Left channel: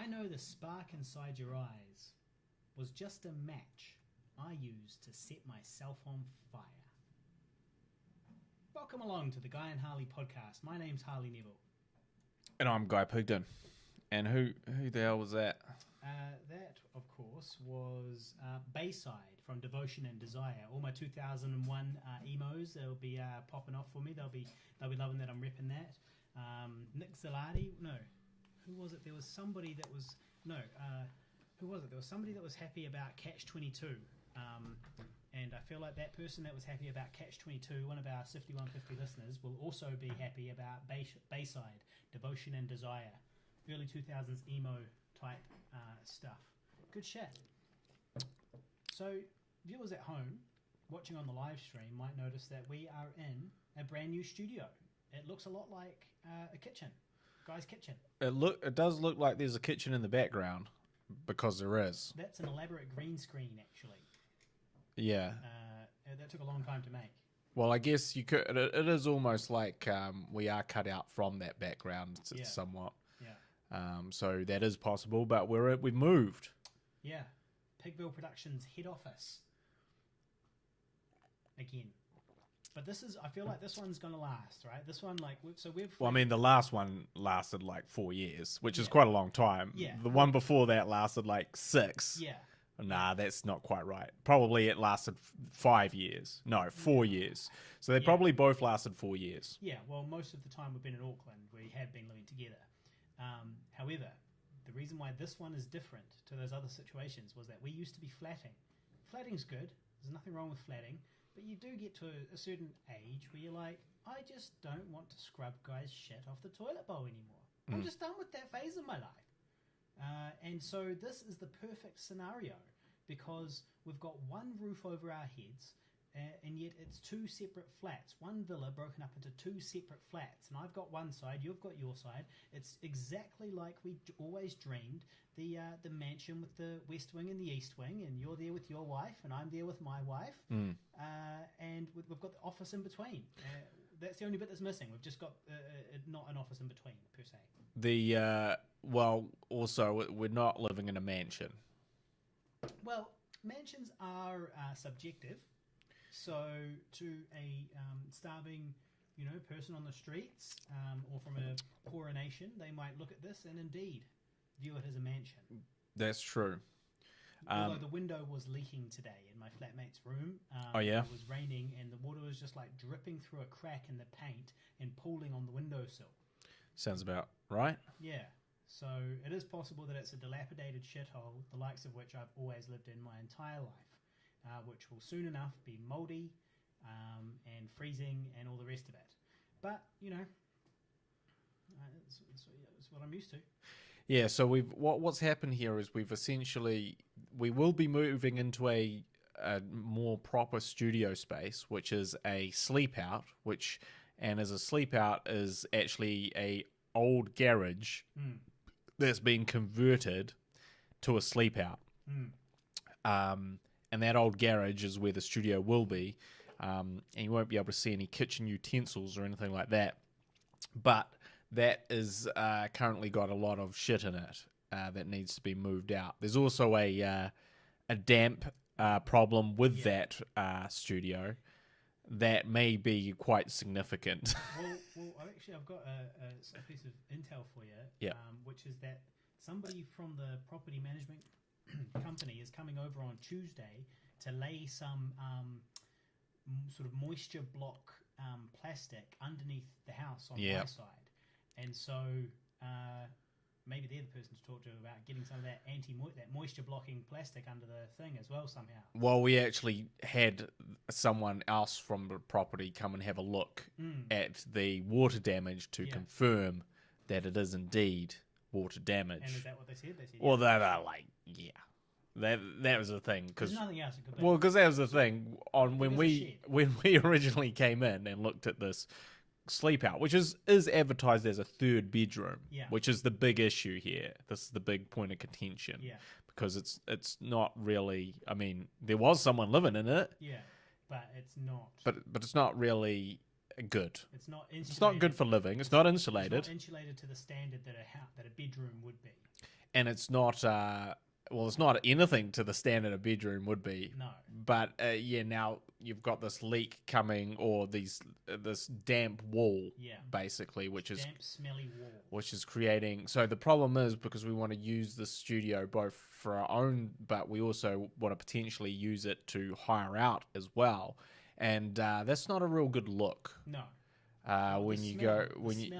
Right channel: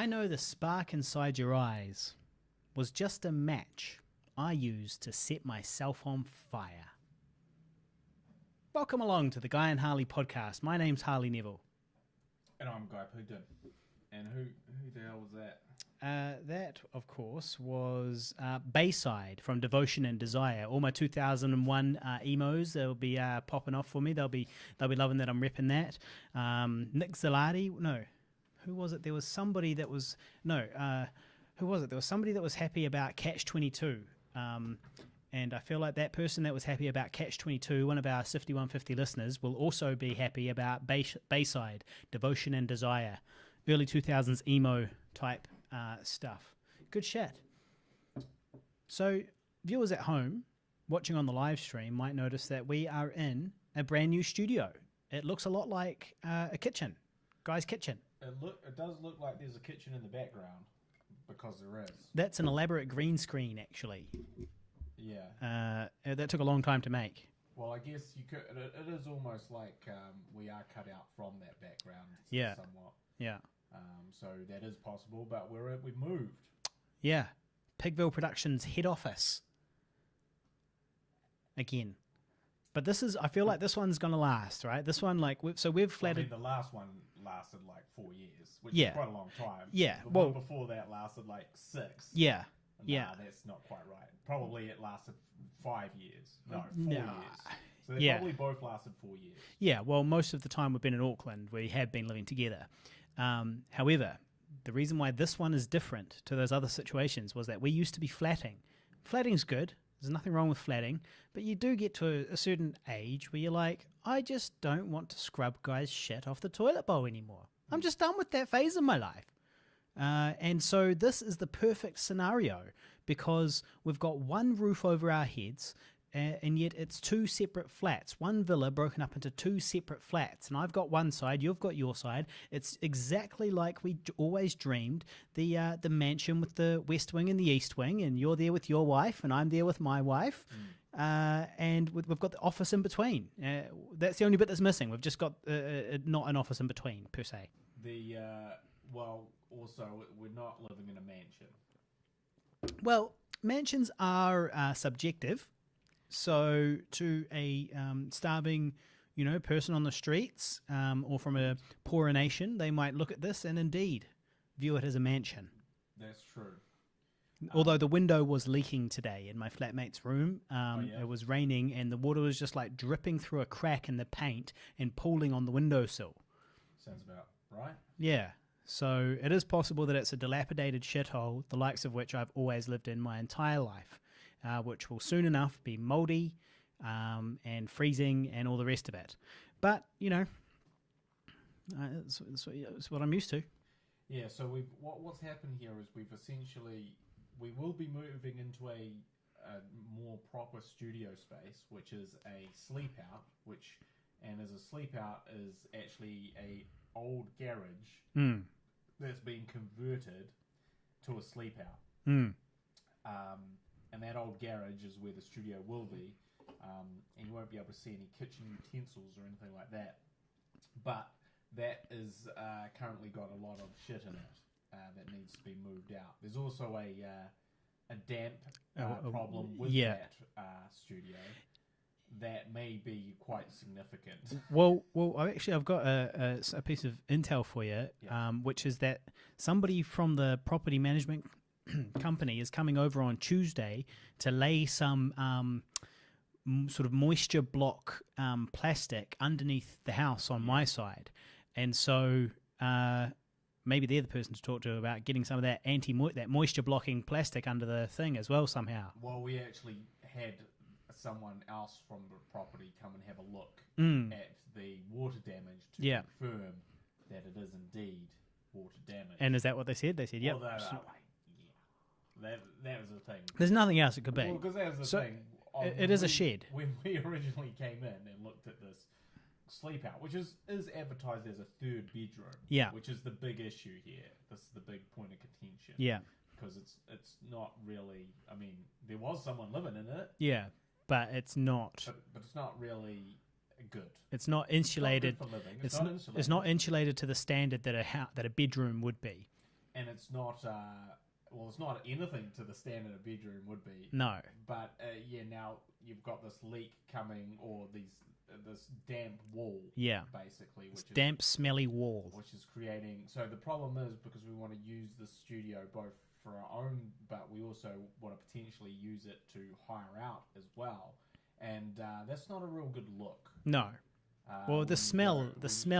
I know the spark inside your eyes was just a match I used to set myself on fire. Welcome along to the Guy and Harley podcast. My name's Harley Neville. And I'm Guy Pigden. And who the hell was that? That, of course, was Bayside from Devotion and Desire. All my 2001 emos, they'll be popping off for me. They'll be loving that I'm repping that. Nick Zalati, no. Who was it? There was somebody that was... No, who was it? There was somebody that was happy about Catch-22. And I feel like that person that was happy about Catch-22, one of our Sifty 150 listeners, will also be happy about Bayside, Devotion and Desire. Early 2000s emo type stuff. Good shit. So viewers at home watching on the live stream might notice that we are in a brand new studio. It looks a lot like a kitchen. Guy's kitchen. It does look like there's a kitchen in the background, because there is. That's an elaborate green screen, actually. Yeah. That took a long time to make. Well, I guess you could. It is almost like we are cut out from that background somewhat. Yeah. So that is possible, but we've moved. Yeah. Pigville Productions head office. Again. But I feel like this one's going to last, right? This one, the last one lasted like 4 years, which is quite a long time. Yeah. The one before that lasted like 6. Yeah. That's not quite right. Probably it lasted 5 years. No, 4 years. So they probably both lasted 4 years. Yeah, well, most of the time we've been in Auckland, we have been living together. However, the reason why this one is different to those other situations was that we used to be flatting. Flatting's good. There's nothing wrong with flatting. But you do get to a certain age where you're like, I just don't want to scrub guys' shit off the toilet bowl anymore. I'm just done with that phase of my life. And so this is the perfect scenario because we've got one roof over our heads and yet it's 2 separate flats. One villa broken up into 2 separate flats. And I've got one side, you've got your side. It's exactly like we always dreamed. The mansion with the west wing and the east wing, and you're there with your wife and I'm there with my wife. And we've got the office in between. That's the only bit that's missing. We've just got not an office in between, per se. Well, also, we're not living in a mansion. Well, mansions are subjective. So to a starving, person on the streets or from a poorer nation, they might look at this and indeed view it as a mansion. That's true. Although the window was leaking today in my flatmate's room. It was raining and the water was just like dripping through a crack in the paint and pooling on the windowsill. Sounds about right. Yeah. So it is possible that it's a dilapidated shithole, the likes of which I've always lived in my entire life. Which will soon enough be mouldy and freezing and all the rest of it. But, it's what I'm used to. Yeah, so what's happened here is we will be moving into a more proper studio space, which is a sleep out, and as a sleep out is actually a old garage that's been converted to a sleep out. And that old garage is where the studio will be. And you won't be able to see any kitchen utensils or anything like that. But that is currently got a lot of shit in it that needs to be moved out. There's also a damp problem with that studio that may be quite significant. Well, I've got a piece of intel for you, which is that somebody from the property management company is coming over on Tuesday to lay some sort of moisture block plastic underneath the house on my side, and so maybe they're the person to talk to about getting some of that that moisture blocking plastic under the thing as well somehow. Well, we actually had someone else from the property come and have a look at the water damage to confirm that it is indeed water damage. And is that what they said? They said, well, that are like, that was the thing. There's nothing else it could be. Well, because that was the thing. It is a shed. When we originally came in and looked at this sleep out, which is advertised as a third bedroom, which is the big issue here. This is the big point of contention. Yeah. Because it's not really, I mean, there was someone living in it. Yeah, but it's not. But it's not really good. It's not insulated. It's not good for living. It's not insulated. It's not insulated to the standard that a bedroom would be. and it's not it's not anything to the standard a bedroom would be. No. But now you've got this leak coming, or this damp wall, basically, which is damp, smelly wall, which is creating. So the problem is, because we want to use the studio both for our own, but we also want to potentially use it to hire out as well, and that's not a real good look. No. Well, the smell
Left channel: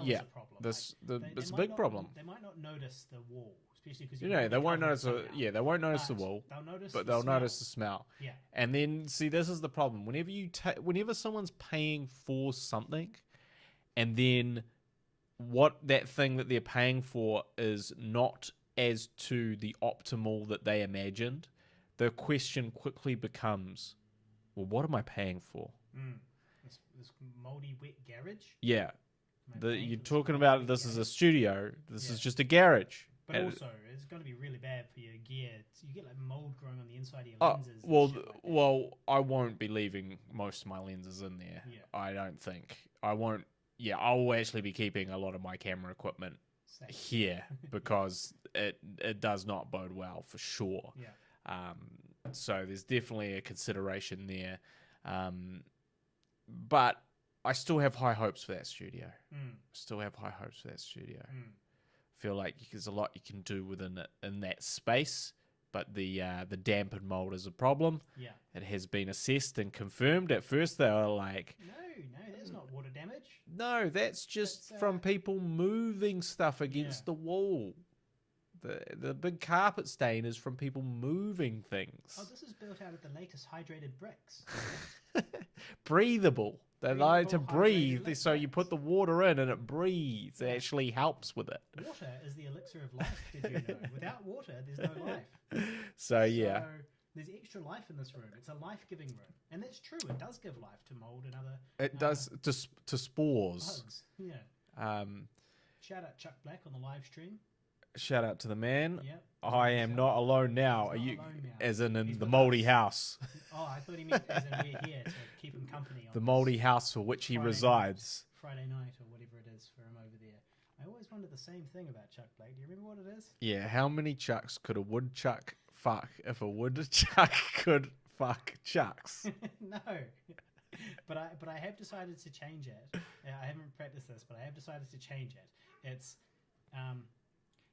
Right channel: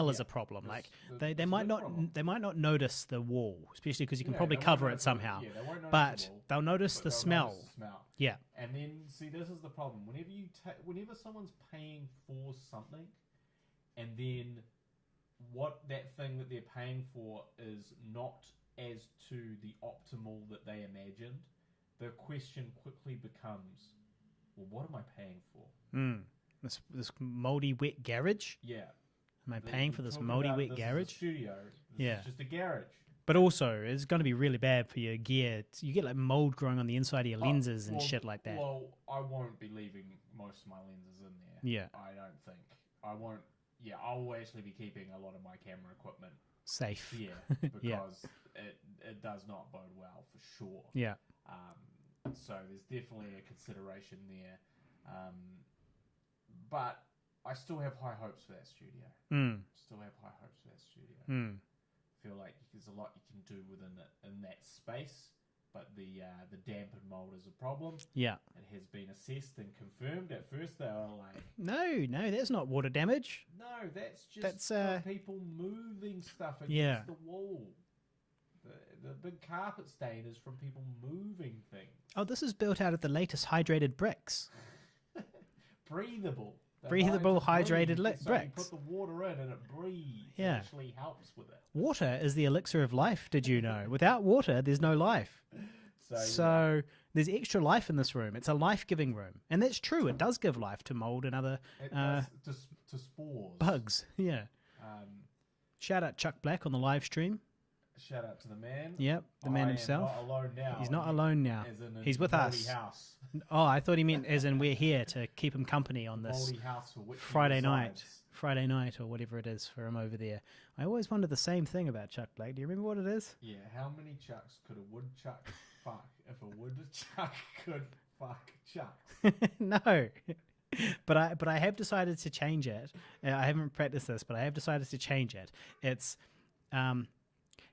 is a problem. They might not notice the wall, especially because you can probably cover it somehow. They won't notice the wall. They'll notice the they'll smell. Notice the smell. Yeah. And then see, this is the problem. Whenever someone's paying for something, and then that thing that they're paying for is not as to the optimal that they imagined, the question quickly becomes, well, what am I paying for? This moldy wet garage? Yeah. Am I paying for this talking moldy about wet this garage? is a studio. This is just a garage. But also, it's going to be really bad for your gear. You get like mold growing on the inside of your lenses and shit like that. Well, I won't be leaving most of my lenses in there. Yeah. I don't think. I won't. Yeah, I'll actually be keeping a lot of my camera equipment safe here because it does not bode well for sure. Yeah. So there's definitely a consideration there. But I still have high hopes for that studio. Feel like there's a lot you can do within it in that space, but the damp and mold is a problem. Yeah. It has been assessed and confirmed. At first they were like, No, that's not water damage. No, that's just from people moving stuff against the wall. The big carpet stain is from people moving things. Oh, this is built out of the latest hydrated bricks. Breathable. They're Breathable, hydrated bricks. So you put the water in and it breathes. Yeah. It actually helps with it. Water is the elixir of life, did you know? Without water, there's no life. So there's extra life in this room. It's a life-giving room. And that's true. It does give life to mold and other... It does to spores. Bugs, yeah. Shout out Chuck Black on the live stream. Shout out to the man. Yep. I am not alone now. He's not alone now. As in He's the with mouldy us. house. Oh, I thought he meant as in we're here to keep him company on the this mouldy house for which Friday he resides. Friday night or whatever it is for him over there. I always wonder the same thing about Chuck Black. Do you remember what it is? Yeah, how many chucks could a woodchuck fuck if a woodchuck could fuck chucks? No. But I have decided to change it. I haven't practiced this, but I have decided to change it. It's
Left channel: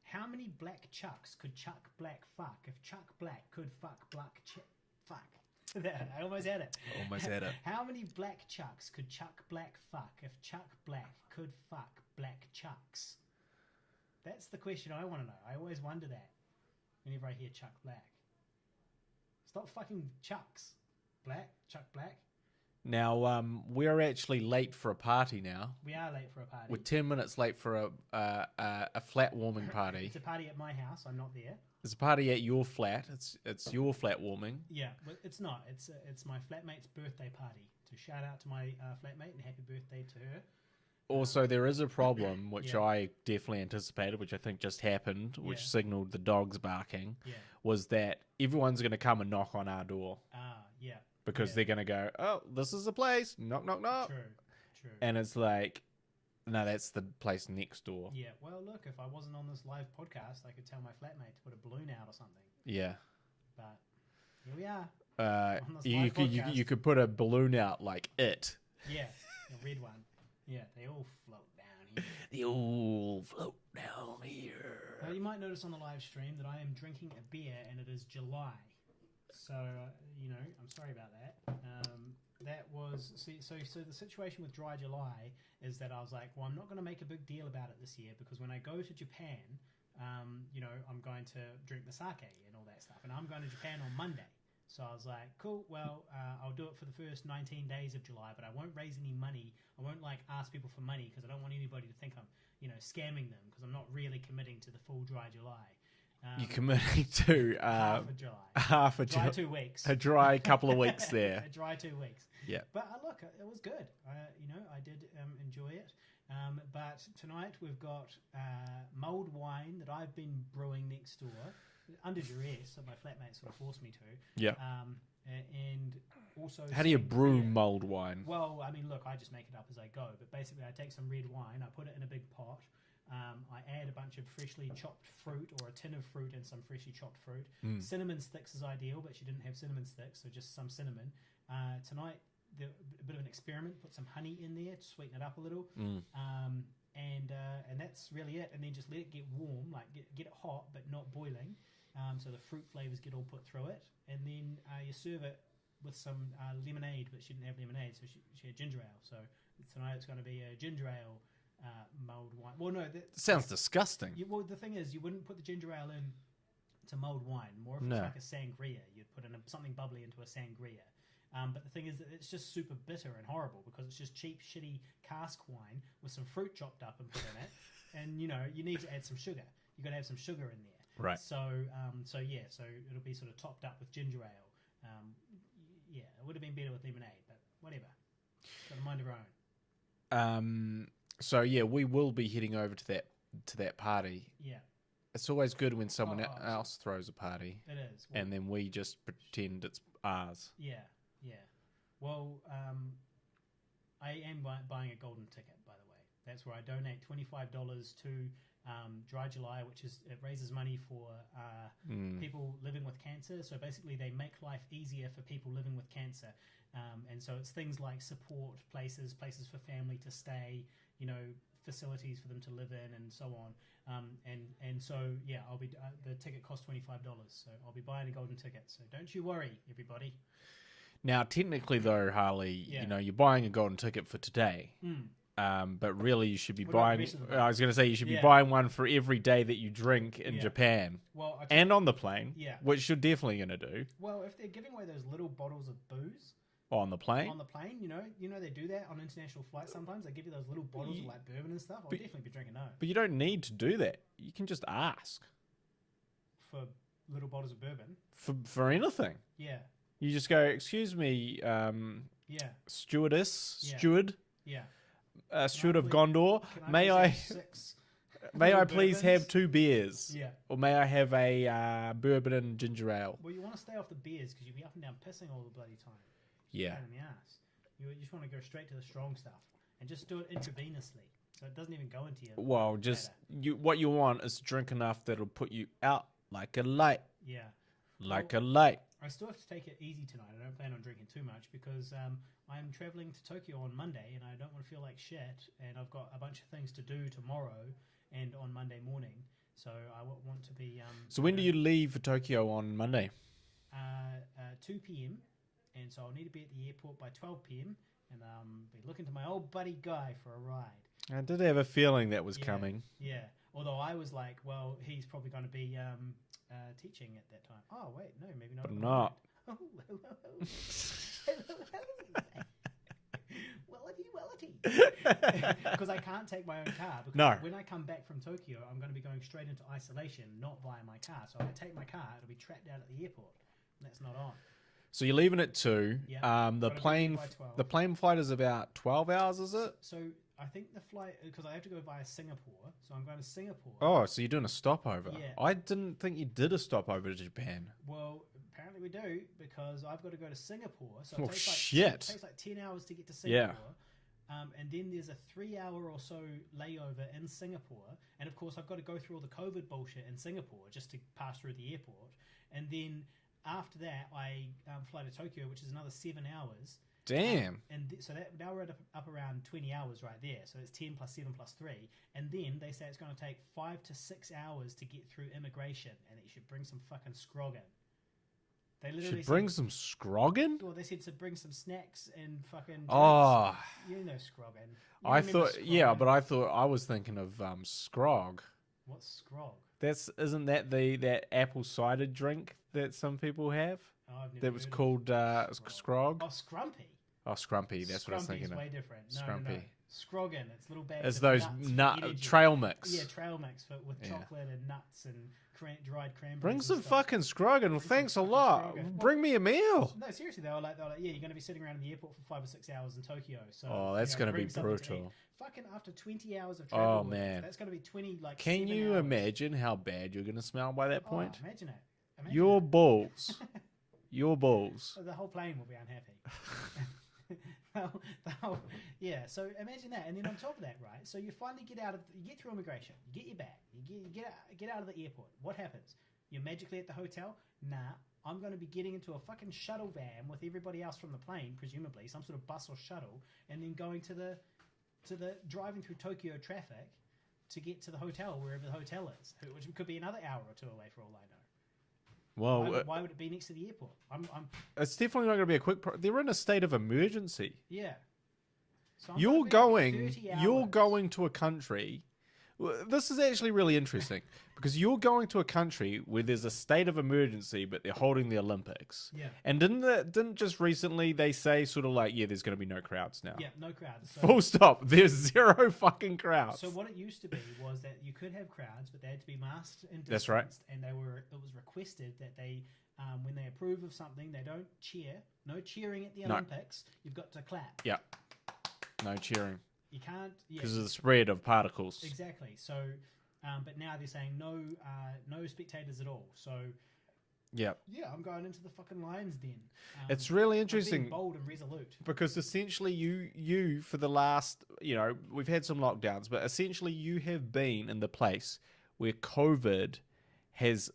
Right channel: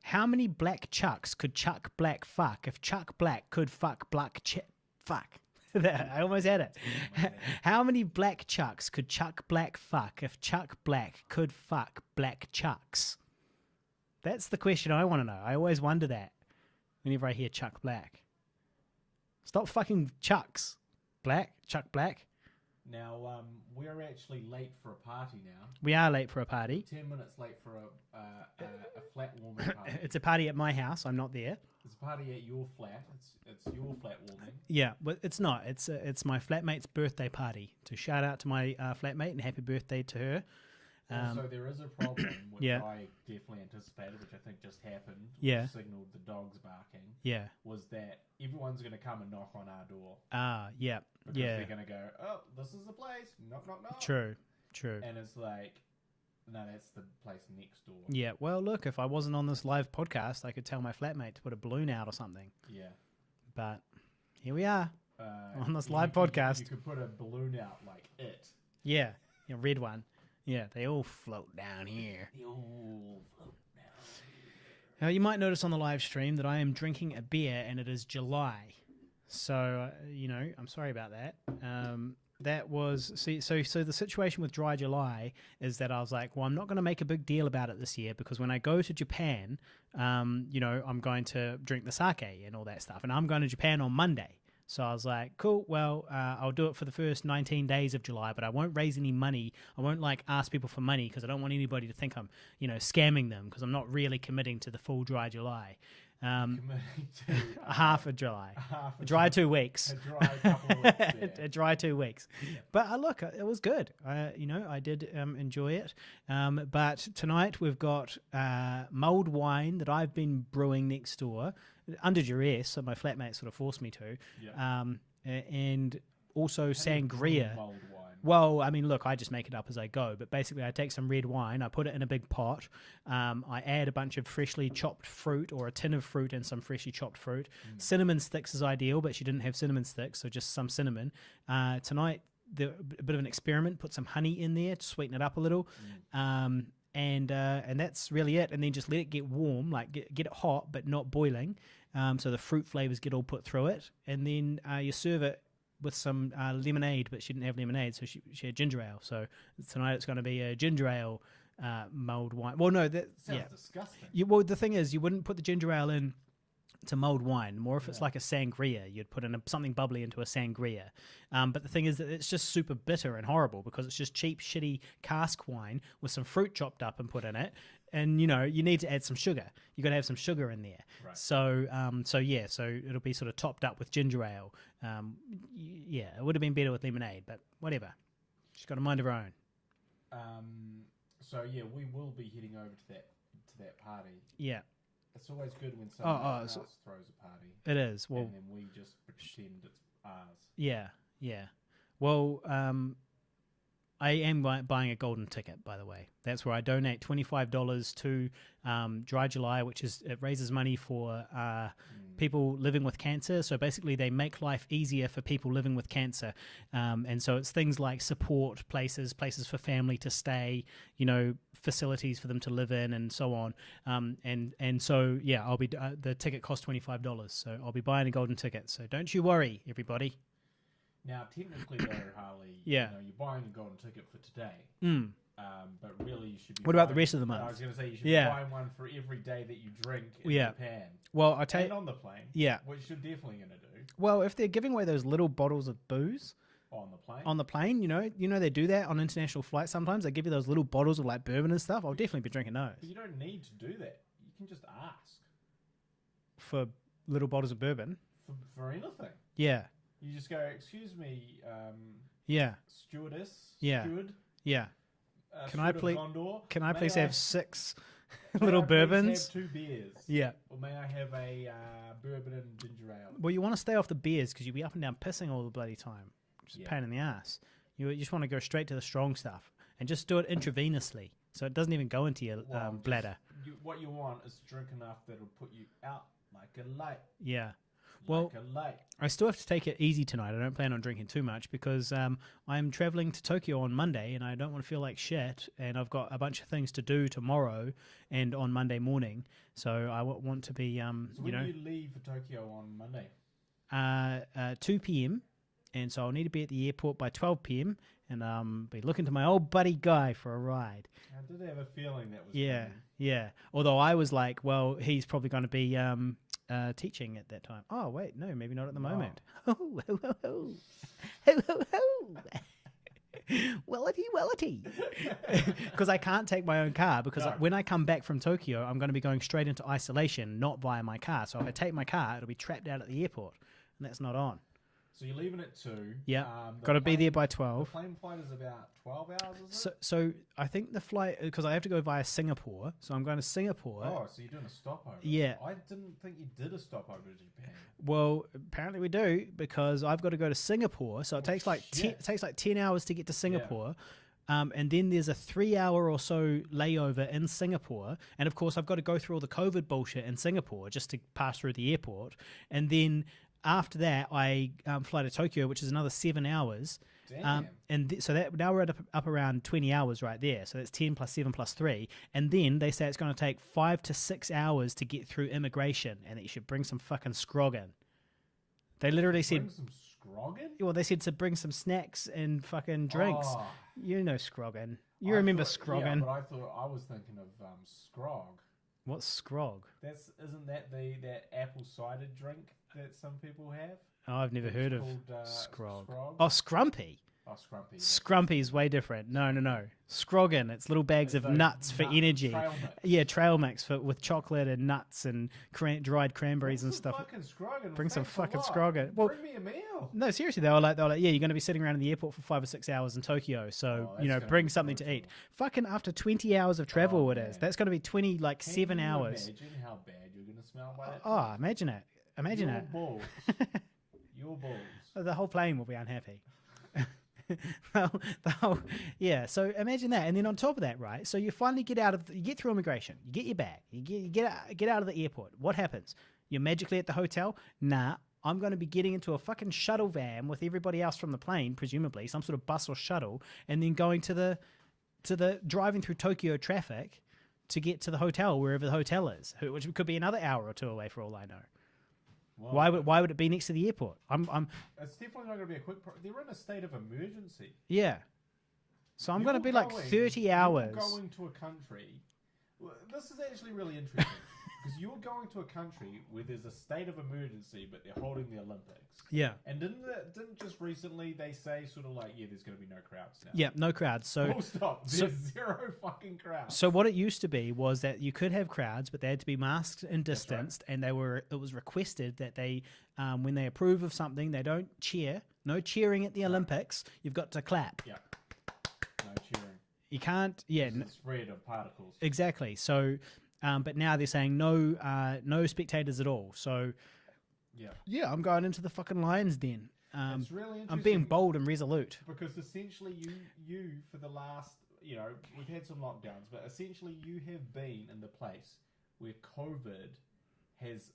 how many black chucks could Chuck Black fuck if Chuck Black could fuck black fuck? I almost had it. How many black chucks could Chuck Black fuck if Chuck Black could fuck black chucks? That's the question I want to know. I always wonder that whenever I hear Chuck Black. Stop fucking Chucks. Chuck Black. Now, we're actually late for a party now. We are late for a party. We're 10 minutes late for a flat warming party. It's a party at my house. I'm not there. It's a party at your flat. It's your flat warming. Yeah, but it's not. It's my flatmate's birthday party. To shout out to my flatmate and happy birthday to her. Also, there is a problem, which I definitely anticipated, which I think just happened, which signaled the dogs barking, was that everyone's going to come and knock on our door. Yeah. Because they're going to go, oh, this is the place. Knock, knock, knock. True. And it's like, no, that's the place next door. Yeah. Well, look, if I wasn't on this live podcast, I could tell my flatmate to put a balloon out or something. Yeah. But here we are on this live podcast. You could put a balloon out like it. Yeah. A red one. Yeah. They all float down here. Now, you might notice on the live stream that I am drinking a beer and it is July. So, I'm sorry about that. That was, so the situation with Dry July is that I was like, well, I'm not going to make a big deal about it this year because when I go to Japan, I'm going to drink the sake and all that stuff. And I'm going to Japan on Monday. So I was like, cool, well, I'll do it for the first 19 days of July, but I won't raise any money. I won't ask people for money because I don't want anybody to think I'm, scamming them because I'm not really committing to the full Dry July. You're committing to half of July. Half a dry 2 weeks. A dry couple of weeks there. A dry 2 weeks. Yeah. But look, it was good. I did enjoy it. But tonight we've got mulled wine that I've been brewing next door under duress. So my flatmate sort of forced me to. Yeah. And also How do you brew sangria. mulled wine? Well, I mean, look, I just make it up as I go. But basically, I take some red wine, I put it in a big pot. I add a bunch of freshly chopped fruit or a tin of fruit and some freshly chopped fruit. Cinnamon sticks is ideal, but she didn't have cinnamon sticks, so just some cinnamon. Tonight, a bit of an experiment. Put some honey in there to sweeten it up a little. And that's really it. And then just let it get warm, like get it hot, but not boiling. So the fruit flavors get all put through it. And then you serve it with some lemonade, but she didn't have lemonade, so she had ginger ale. So tonight it's going to be a ginger ale mulled wine. Well, no, that Sounds disgusting. well, the thing is, you wouldn't put the ginger ale in to mulled wine. More if it's like a sangria, you'd put in something bubbly into a sangria. But the thing is that it's just super bitter and horrible because it's just cheap, shitty cask wine with some fruit chopped up and put in it. And you need to add some sugar. You got to have some sugar in there. Right. So so it'll be sort of topped up with ginger ale. It would have been better with lemonade, but whatever. She's got a mind of her own. So yeah, we will be heading over to that party. Yeah. It's always good when someone else throws a party. It is. Well, and then we just pretend it's ours. Yeah. Well, I am buying a golden ticket, by the way. That's where I donate $25 to Dry July, it raises money for people living with cancer. So basically, they make life easier for people living with cancer. And so it's things like support places for family to stay, facilities for them to live in, and so on. And so yeah, I'll be the ticket costs $25, so I'll be buying a golden ticket. So don't you worry, everybody. Now, technically, though, Harley, you're buying a golden ticket for today. But really, you should be buying... What about the rest of the month? I was going to say, you should be buying one for every day that you drink in Japan. Well, and on the plane. Yeah. Which you're definitely going to do. Well, if they're giving away those little bottles of booze... On the plane? On the plane, they do that on international flights sometimes. They give you those little bottles of like bourbon and stuff. I'll definitely be drinking those. But you don't need to do that. You can just ask. For little bottles of bourbon? For anything. Yeah. You just go, excuse me, stewardess, steward. Yeah. Steward of Gondor. Can I please have 6 May I bourbons? please have 2 beers? Yeah. Or may I have a bourbon and ginger ale? Well, you want to stay off the beers because you'll be up and down pissing all the bloody time. Just pain in the ass. You just want to go straight to the strong stuff and just do it intravenously, so it doesn't even go into your bladder. What you want is to drink enough that'll put you out like a light. Yeah. Like a light. I still have to take it easy tonight. I don't plan on drinking too much because I'm traveling to Tokyo on Monday and I don't want to feel like shit. And I've got a bunch of things to do tomorrow and on Monday morning. So I want to be... so when do you leave for Tokyo on Monday? 2 p.m. And so I'll need to be at the airport by 12 p.m. and be looking to my old buddy Guy for a ride. I did have a feeling that was coming. Yeah. Although I was like, well, he's probably going to be teaching at that time. Oh, wait, no, maybe not at the moment. Wellity. Because I can't take my own car because when I come back from Tokyo, I'm going to be going straight into isolation, not via my car. So if I take my car, it'll be trapped out at the airport, and that's not on. So you're leaving at 2. Yeah. Got to be there by 12. The plane flight is about 12 hours, is it? So I think the flight, because I have to go via Singapore, so I'm going to Singapore. Oh, so you're doing a stopover. Yeah. I didn't think you did a stopover to Japan. Well, apparently we do, because I've got to go to Singapore, so it takes like 10 hours to get to Singapore. Yeah. And then there's a 3-hour or so layover in Singapore. And of course, I've got to go through all the COVID bullshit in Singapore just to pass through the airport. And then after that, I fly to Tokyo, which is another 7 hours. Damn. So that now we're up around 20 hours right there. So that's 10 plus 7 plus 3. And then they say it's going to take 5 to 6 hours to get through immigration, and that you should bring some fucking scroggin. They literally said... Bring some scroggin? Well, they said to bring some snacks and fucking drinks. Oh. You know scroggin. You remember scroggin. Yeah, but I was thinking of scrog. What's scrog? Isn't that that apple cider drink that some people have? Oh, I've never heard of it. Called scrog. Oh, scrumpy. Oh, scrumpy. Scrumpy is way different. No. Scroggin. It's little bags of nuts for energy. Trail mix. Yeah, trail mix with chocolate and nuts and dried cranberries and stuff. Bring some fucking scroggin. Thanks a lot. Well, bring me a meal. No, seriously, they were like, yeah, you're going to be sitting around in the airport for 5 or 6 hours in Tokyo, so bring something to eat. Fucking after 20 hours of travel, it is. That's going to be 7 hours. Can you imagine how bad you're going to smell by that point? Oh, imagine it. Your balls Your balls. The whole plane will be unhappy. Yeah, so imagine that. And then on top of that, right, so you finally get you get through immigration, you get your bag, you get out of the airport. What happens? You're magically at the hotel? Nah, I'm going to be getting into a fucking shuttle van with everybody else from the plane, presumably, some sort of bus or shuttle, and then going to the driving through Tokyo traffic to get to the hotel, wherever the hotel is, which could be another hour or two away for all I know. Well, why would it be next to the airport? It's definitely not going to be a quick. They're in a state of emergency. Yeah. So I'm going to be like 30 hours. You're going to a country. Well, this is actually really interesting because you're going to a country where there's a state of emergency, but they're holding the Olympics. Yeah. And didn't just recently they say sort of like, yeah, there's going to be no crowds now. Yeah, no crowds. So full stop. There's zero fucking crowds. So what it used to be was that you could have crowds, but they had to be masked and distanced, right. and it was requested that they, when they approve of something, they don't cheer. No cheering at the Olympics. You've got to clap. Yeah. No cheering. You can't. Yeah. Because of the spread of particles. Exactly. So, but now they're saying no spectators at all. So, yeah, I'm going into the fucking lion's den. It's really interesting. I'm being bold and resolute. Because essentially you for the last, we've had some lockdowns, but essentially you have been in the place where COVID has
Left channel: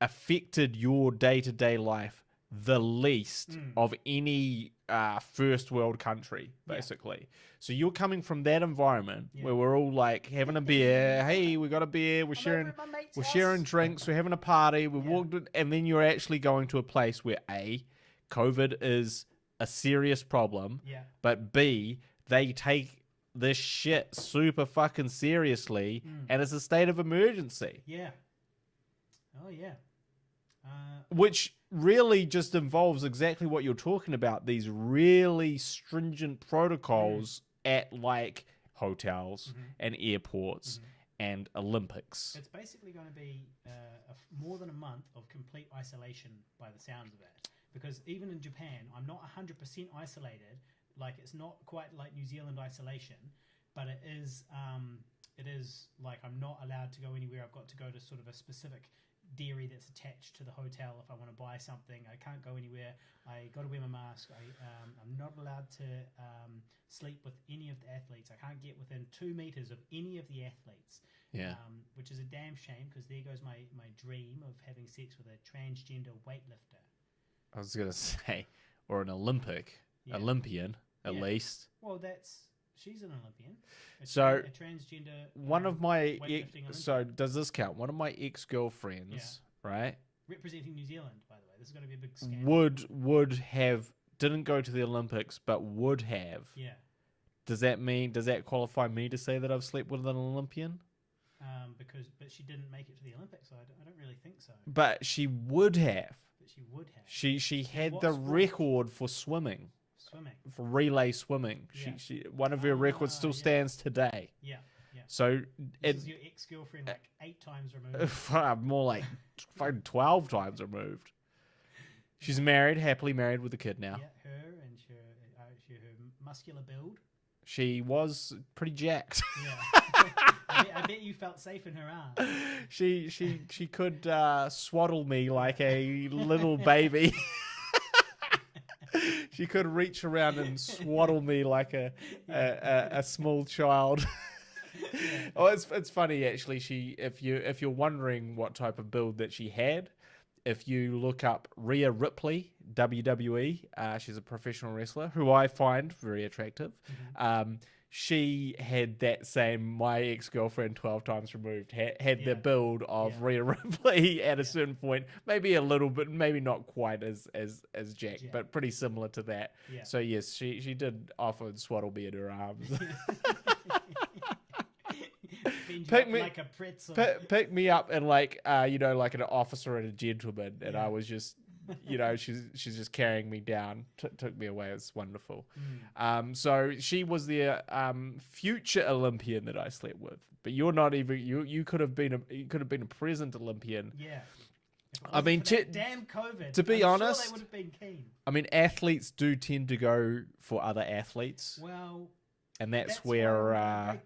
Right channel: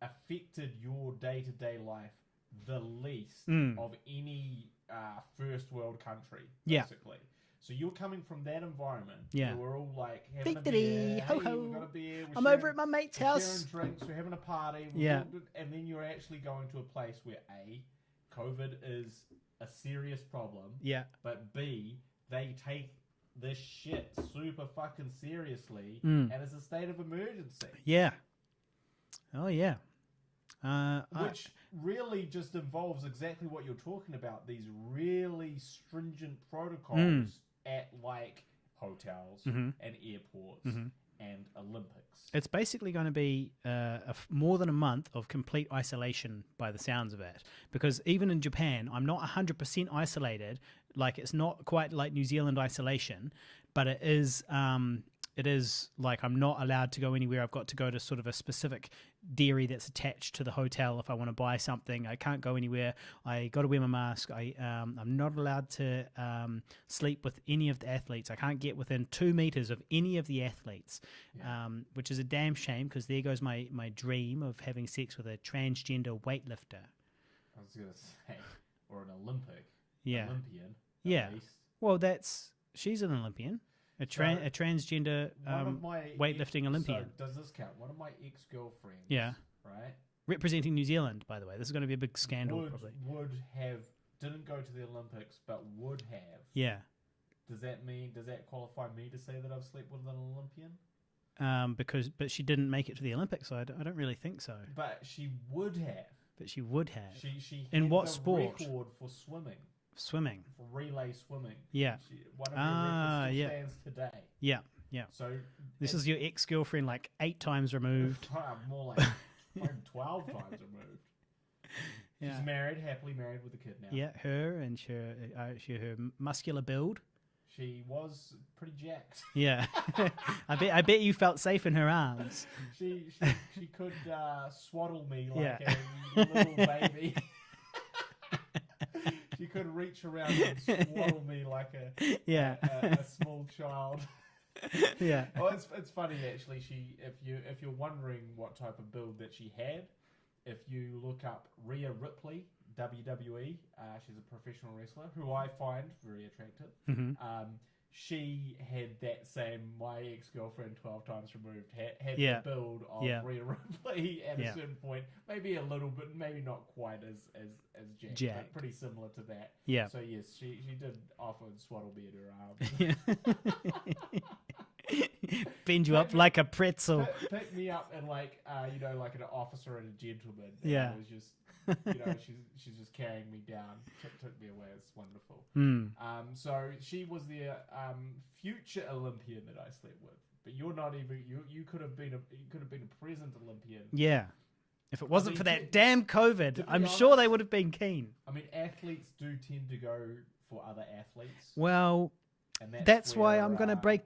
affected your day-to-day life the least of any first world country, basically. Yeah. So you're coming from that environment where we're all like having a beer. Hey, we got a beer. We're sharing drinks. We're having a party. And then you're actually going to a place where A, COVID is a serious problem. Yeah. But B, they take this shit super fucking seriously, and it's a state of emergency. Yeah. Oh yeah. Which really just involves exactly what you're talking about, these really stringent protocols at like hotels and airports and Olympics. It's basically going to be more than a month of complete isolation by the sounds of it, because even in Japan, I'm not 100% isolated. Like, it's not quite like New Zealand isolation, but it is like I'm not allowed to go anywhere. I've got to go to sort of a specific dairy that's attached to the hotel if I want to buy something. I can't go anywhere. I got to wear my mask. I'm not allowed to sleep with any of the athletes. I can't get within 2 meters of any of the athletes, which is a damn shame, because there goes my dream of having sex with a transgender weightlifter. I was going to say, or an Olympian, at least. Well, she's an Olympian. A transgender weightlifting Olympian. So does this count? One of my ex-girlfriends, right? Representing New Zealand, by the way. This is going to be a big scandal. Didn't go to the Olympics, but would have. Yeah. Does that qualify me to say that I've slept with an Olympian? But she didn't make it to the Olympics, so I don't really think so. But she would have. She had the record for swimming. For relay swimming. Yeah. One of her records still stands today. Yeah. Yeah. So this is your ex-girlfriend, like 8 times removed. More like 12 times removed. She's happily married with a kid now. Yeah, her and her muscular build. She was pretty jacked. Yeah. I bet you felt safe in her arms. She could swaddle me like a little baby. She could reach around and swaddle me like a small child. Yeah. Oh, it's funny actually. If you're wondering what type of build that she had, if you look up Rhea Ripley, WWE, she's a professional wrestler who I find very attractive. She had that same, my ex-girlfriend 12 times removed, had the build of Rhea Ripley at a certain point. Maybe a little bit, maybe not quite as Jack, but pretty similar to that. Yeah. So yes, she did often swaddle me in her arms. Bend you up like a pretzel. Pick me up and like like an officer and a gentleman. And I was just... she's just carrying me down, took me away. It's wonderful. So she was the future Olympian that I slept with, but you're not even. You could have been a present Olympian. Yeah. If it wasn't for that damn COVID, to be honest, sure they would have been keen. I mean, athletes do tend to go for other athletes. Well, and that's where, why I'm going to break.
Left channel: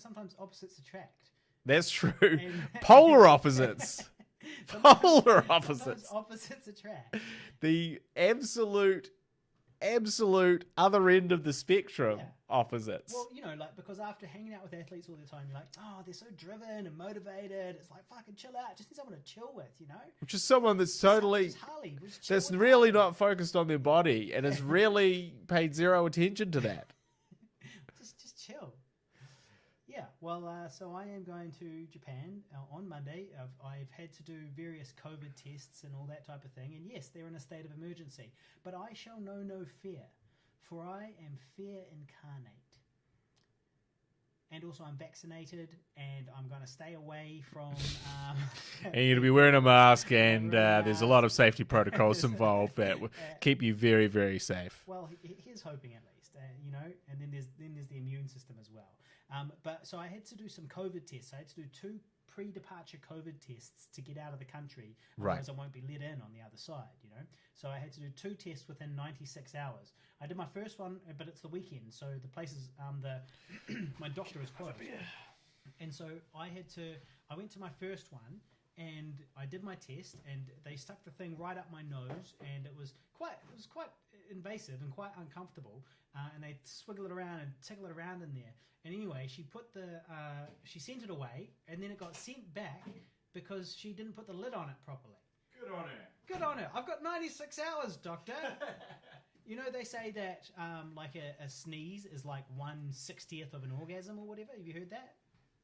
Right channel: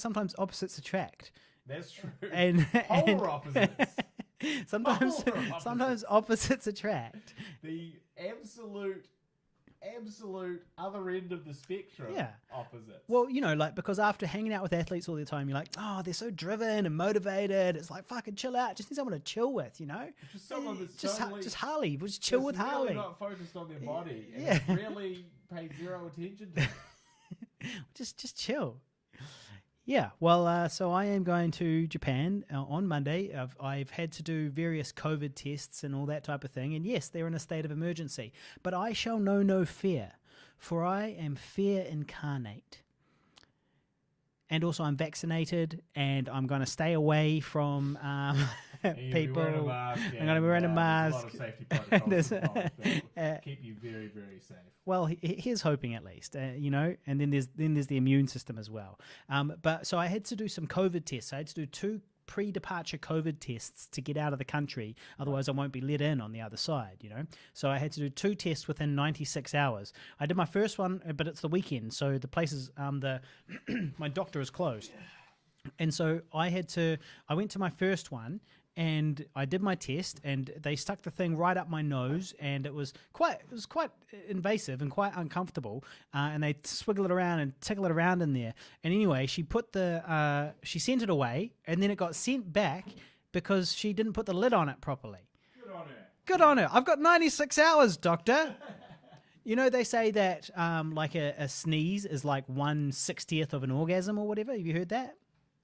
Sometimes opposites attract. That's true. And polar opposites. Polar opposites. Sometimes opposites attract. The absolute other end of the spectrum. Yeah. Opposites. Well, like, because after hanging out with athletes all the time, you're like, oh, they're so driven and motivated. It's like, fucking chill out. Just need someone to chill with, Which is someone that's Just totally... Just Harley. Just chill that's with really Harley. not focused on their body and has really paid zero attention to that. Just chill. Yeah, well, so I am going to Japan on Monday. I've had to do various COVID tests and all that type of thing. And yes, they're in a state of emergency. But I shall know no fear, for I am fear incarnate. And also I'm vaccinated, and I'm going to stay away from and you're going to be wearing a mask, and there's a lot of mask. safety protocols involved that will keep you very, very safe. Well, here's hoping at least, and then there's the immune system as well. But so I had to do some COVID tests. I had to do 2 pre-departure COVID tests to get out of the country. Otherwise, I won't be let in on the other side, So I had to do 2 tests within 96 hours. I did my first one, but it's the weekend, so the places, my doctor is closed. And so I went to my first one, and I did my test, and they stuck the thing right up my nose, and it was quite invasive and quite uncomfortable. And they swiggle it around and tickle it around in there. And anyway, she sent it away, and then it got sent back because she didn't put the lid on it properly. Good on her. I've got 96 hours, doctor. They say that like a sneeze is like 1/60th of an orgasm or whatever. Have you heard that?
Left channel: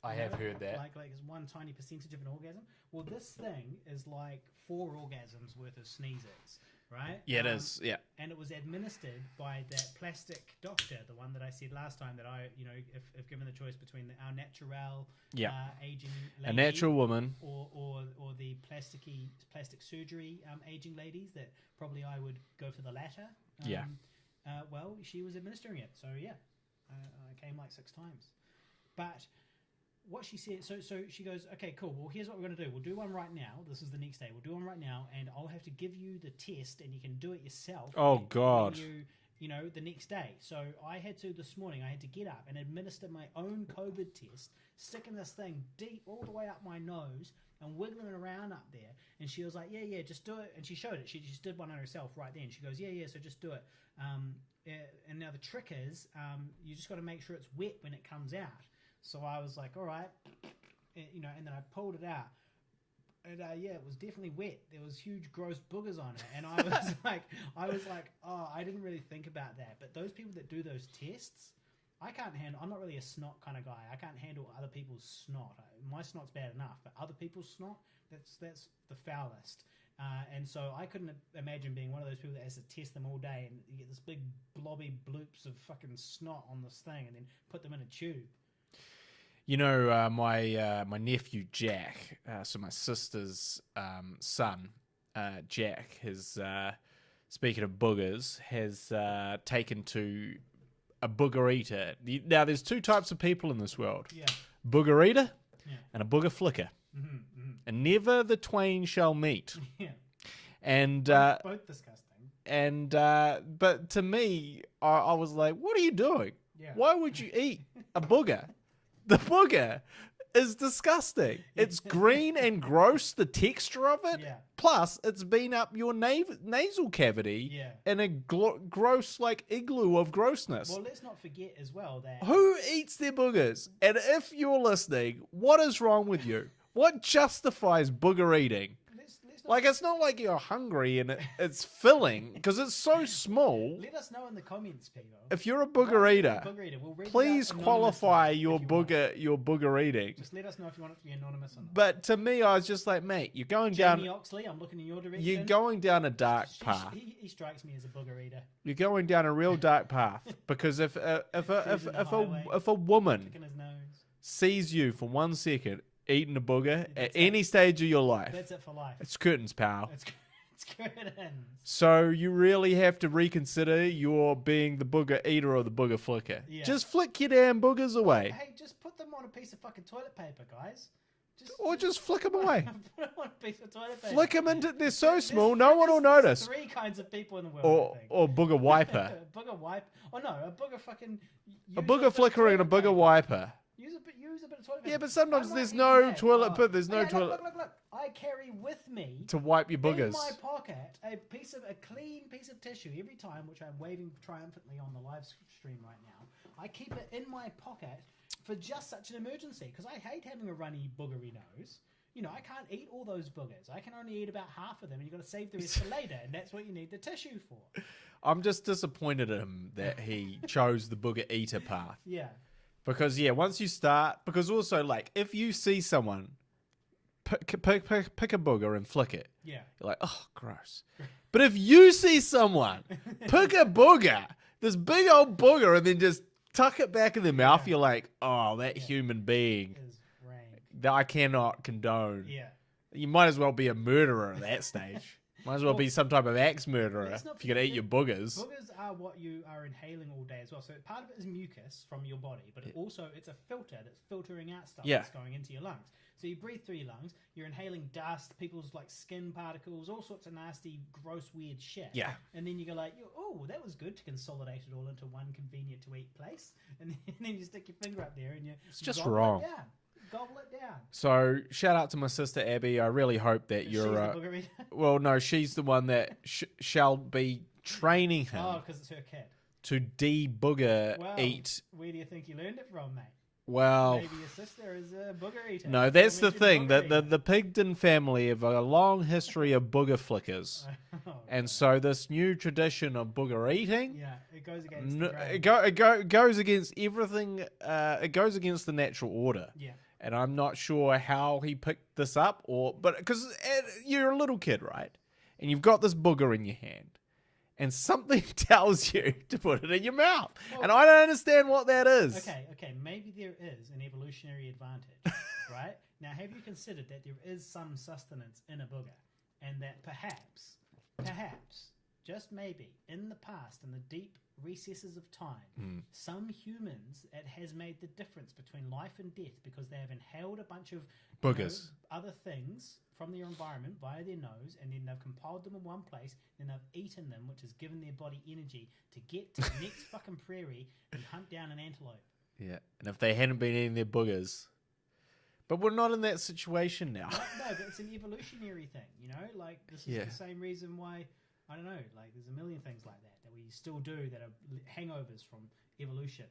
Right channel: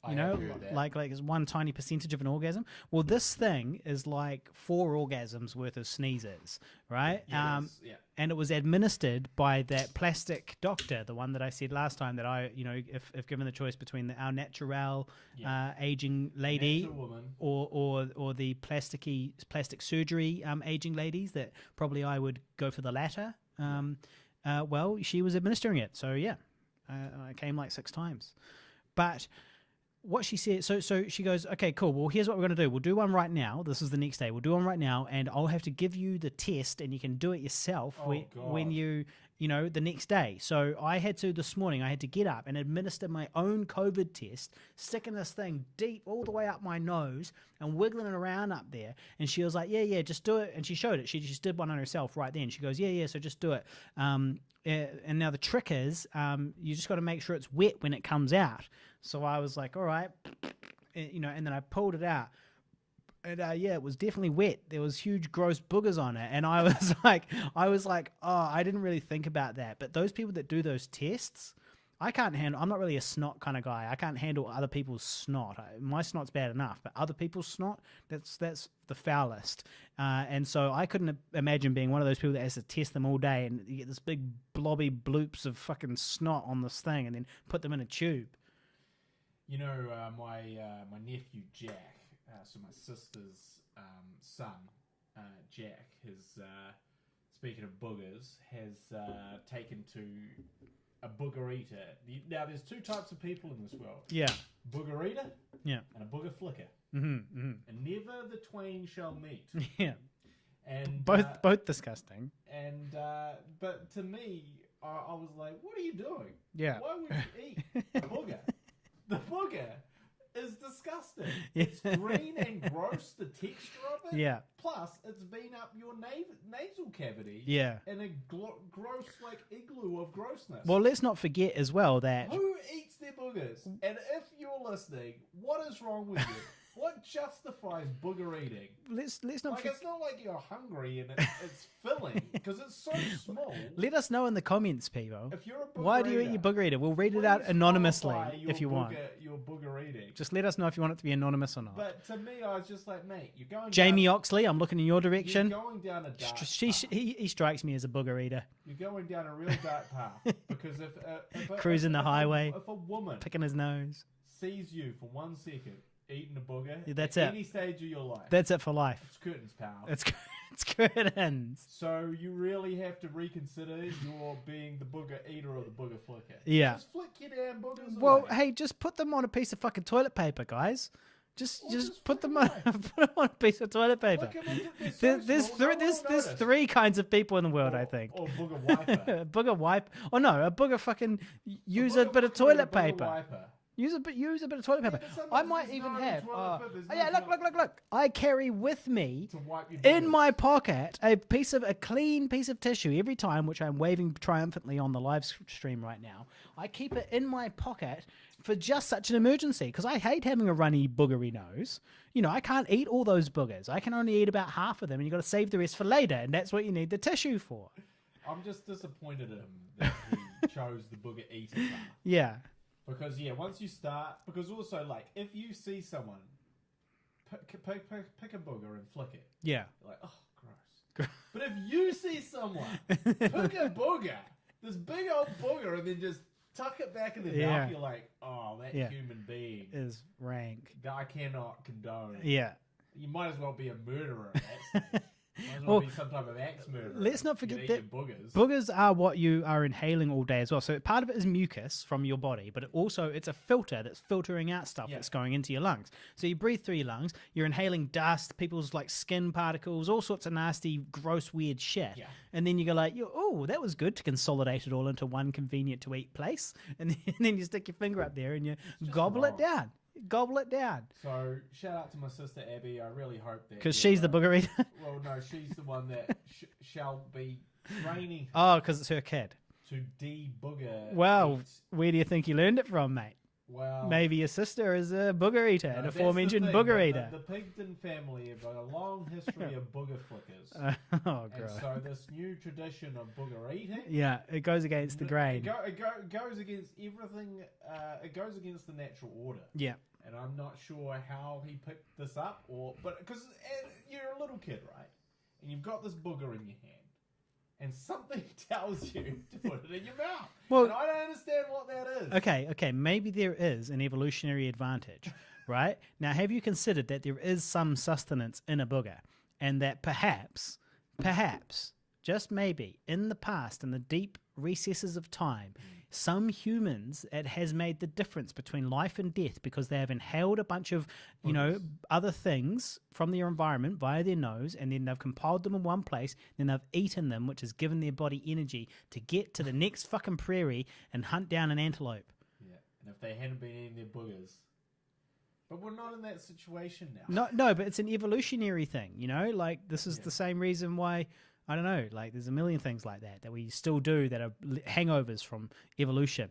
I have heard that. Like it's one tiny percentage of an orgasm. Well, this thing is like 4 orgasms worth of sneezes, right? Yeah, it is. Yeah. And it was administered by that plastic doctor, the one that I said last time that I, if given the choice between our natural aging lady, a natural woman, or the plastic surgery aging ladies, that probably I would go for the latter. Well, she was administering it, so yeah, I came like 6 times, but. What she said, so she goes, okay, cool. Well, here's what we're going to do. We'll do one right now. This is the next day. We'll do one right now, and I'll have to give you the test, and you can do it yourself. God! When you the next day. So this morning, I had to get up and administer my own COVID test, sticking this thing deep all the way up my nose and wiggling it around up there. And she was like, yeah, just do it. And she showed it. She just did one on herself right then. She goes, yeah, so just do it. And now the trick is, you just got to make sure it's wet when it comes out. So I was like, all right, and then I pulled it out. And it was definitely wet. There was huge gross boogers on it. And I was like, oh, I didn't really think about that. But those people that do those tests, I can't handle. I'm not really a snot kind of guy. I can't handle other people's snot. My snot's bad enough, but other people's snot, that's the foulest. And so I couldn't imagine being one of those people that has to test them all day and you get this big blobby bloops of fucking snot on this thing and then put them in a tube. My nephew Jack, so my sister's son, Jack, has, speaking of boogers, has taken to a booger eater. Now, there's 2 types of people in this world. Yeah. Booger eater Yeah. and a booger flicker. Mm-hmm, mm-hmm. And never the twain shall meet. Yeah. And both disgusting. And but to me, I was like, what are you doing? Yeah. Why would you eat a booger? The booger is disgusting. It's green and gross, the texture of it. Yeah. Plus, it's been up your nasal cavity. Yeah. In a gross, like, igloo of grossness. Well, let's not forget as well that... Who eats their boogers? And if you're listening, what is wrong with you? What justifies booger eating? Let's not like, it's not like you're hungry and it's filling because it's so small. Let us know in the comments, people. If you're a booger eater, we'll read it out anonymously. Please qualify your booger eating. Just let us know if you want it to be anonymous or not. But to me, I was just like, mate, you're going Jamie down... Oxley, I'm looking in your direction. You're going down a dark path. He strikes me as a booger eater. You're going down a real dark path because if Cruising the highway, if a woman picking his nose sees you for 1 second eating a booger that's at any stage of your life, that's it for life. It's curtains, pal. It's curtains. So you really have to reconsider your being the booger eater or the booger flicker. Yeah. Just flick your damn boogers away. Well, hey, just put them on a piece of fucking toilet paper, guys. Just flick them away. Put them on a piece of toilet paper. Flick them into... They're so small, no one will notice. There's 3 kinds of people in the world, I think. Or booger wiper. Booger wipe. Oh, no, a booger fucking... A booger flicker and a booger wiper. Use a bit of toilet paper. Yeah, but sometimes I might there's even no have- toilet paper. There's no yeah, toilet Look. I carry with me to wipe your boogers. in my pocket a clean piece of tissue every time, which I'm waving triumphantly on the live stream right now. I keep it in my pocket for just such an emergency because I hate having a runny boogery nose. You know, I can't eat all those boogers. I can only eat about half of them, and you've got to save the rest for later, and that's what you need the tissue for. I'm just disappointed in him that he chose the booger eater path. Yeah. Because, once you start... Because also, like, if you see someone pick a booger and flick it, Yeah. you're like, oh, gross. But if you see someone pick a booger, this big old booger, and then just tuck it back in their mouth, Yeah. you're like, oh, that Yeah. human being Is rank. that I cannot condone. Yeah. You might as well be a murderer at that stage. Might as well be some type of axe murderer. let's not if you're going forget to eat your boogers. Boogers are what you are inhaling all day as well. So part of it is mucus from your body, but it's a filter that's filtering out stuff that's going into your lungs. So you breathe through your lungs, you're inhaling dust, people's like skin particles, all sorts of nasty, gross, weird shit. Yeah. And then you go like, oh, that was good to consolidate it all into one convenient to eat place. And then you stick your finger up there and you just gobble wrong. it down. Gobble it down. So shout out to my sister Abby. I really hope that Because she's the booger eater. Well, no, she's the one that shall be training him Oh, because it's her kid. to de-booger Well, eat. where do you think you learned it from, mate? Well, Maybe your sister is a booger eater. no, that's the thing. Booger The Pigden family have a long history of booger flickers. Oh, And God. so this new tradition of booger eating, Yeah, it goes against the grain. it goes against everything. It goes against the natural order. Yeah. And I'm not sure how he picked this up, but because you're a little kid, right? And you've got this booger in your hand, and something tells you to put it in your mouth, Well- and I don't understand what that is. Okay, maybe there is an evolutionary advantage, right? Now, have you considered that there is some sustenance in a booger, and that perhaps, just maybe, in the past, in the deep recesses of time, some humans, it has made the difference between life and death because they have inhaled a bunch of, Boogers. other things from their environment via their nose, and then they've compiled them in one place, then they've eaten them, which has given their body energy to get to the next fucking prairie and hunt down an antelope. Yeah, and if they hadn't been eating their boogers, but we're not in that situation now. No, but it's an evolutionary thing, like this is the same reason why, I don't know, like there's a million things like that we still do that are hangovers from evolution.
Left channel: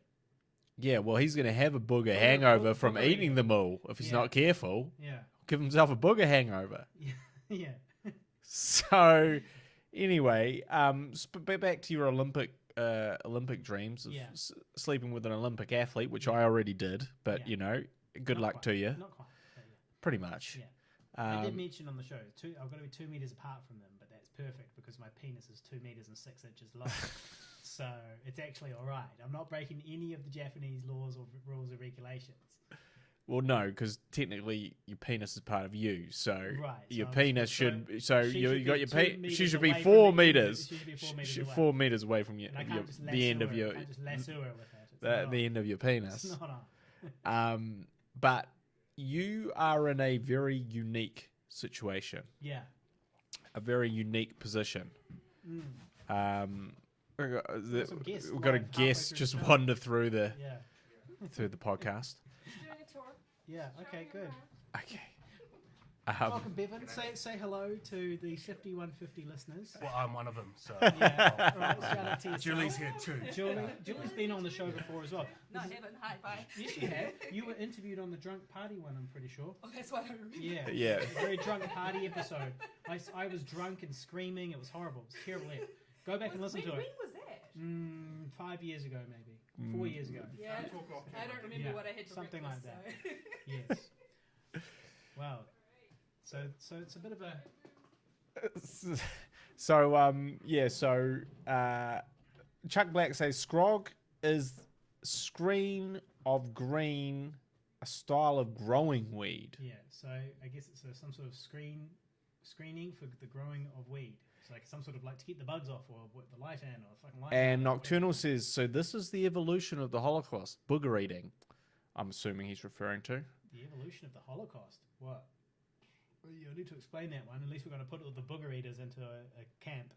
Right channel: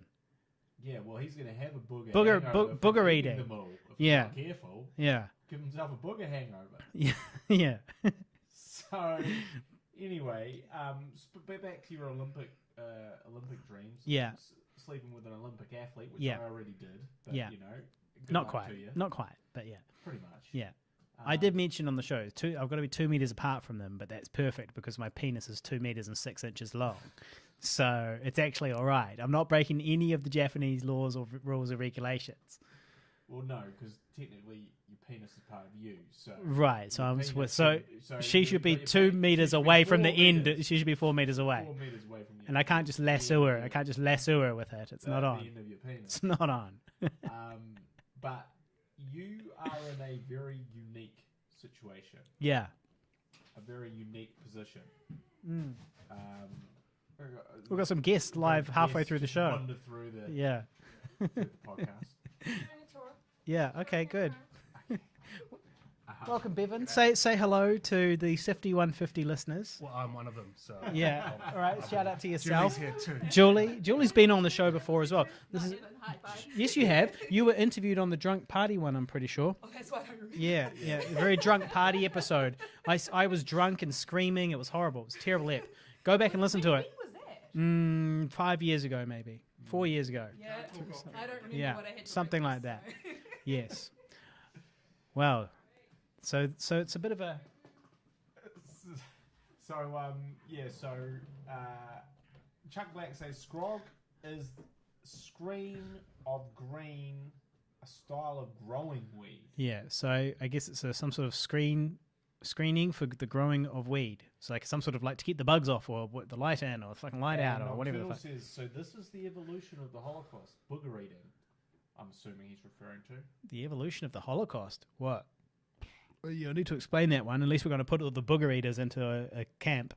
Yeah, well, he's going to have a booger hangover from booger eating eating. them all if he's not careful. Yeah. Give himself a booger hangover. Yeah. So, anyway, back to your Olympic dreams. Of Yeah. Sleeping with an Olympic athlete, which Yeah. I already did, but Yeah. good Not luck quite. to you. Not quite, but yeah. Pretty much. Yeah. I did mention on the show, I've got to be 2 meters apart from them, but that's perfect because my penis is 2 meters and 6 inches long. So it's actually all right. I'm not breaking any of the Japanese laws or rules or regulations. Well, no, because technically your penis is part of you. So Right. your So, penis so she you should got be your 2 she meters should be away from 4 the meters. end. She should be 4 meters away. 4 meters away from you. And I can't just lasso her. I can't just lasso her with it. It's not on. the end of your penis. It's not on. But you are in a very unique situation, Yeah. a very unique position. We've got some guests we've got a live halfway guest through the just show. wander through the Yeah. through the podcast. Yeah. Okay. Good. Okay. Welcome, Bevan. Say hello to the Sifty 150 listeners. Well, I'm one of them. So Yeah. All right. Shout out to yourself. Julie's here too. Julie's been on the show before as well. Yes, you have. You were interviewed on the drunk party one, I'm pretty sure. Oh, that's why I don't remember. Yeah. Very drunk party episode. I was drunk and screaming. It was horrible. It was a terrible ep. Go back and listen to it. When was that? 5 years ago, maybe. 4 years ago. Yeah, I don't remember Yeah, what I had for something like breakfast, that. so. Yes. Well, so it's a bit of a... Chuck Black says Scrog is screen of green, a style of growing weed. Yeah, so I guess it's some sort of screening for the growing of weed. It's like some sort of like to keep the bugs off or the light in or fucking light out. And or whatever Nocturnal the fuck. says, so this is the evolution of the Holocaust, booger eating. I'm assuming he's referring to. The evolution of the Holocaust. What? Well, you need to explain that one. At least we're going to put all the booger eaters into a camp.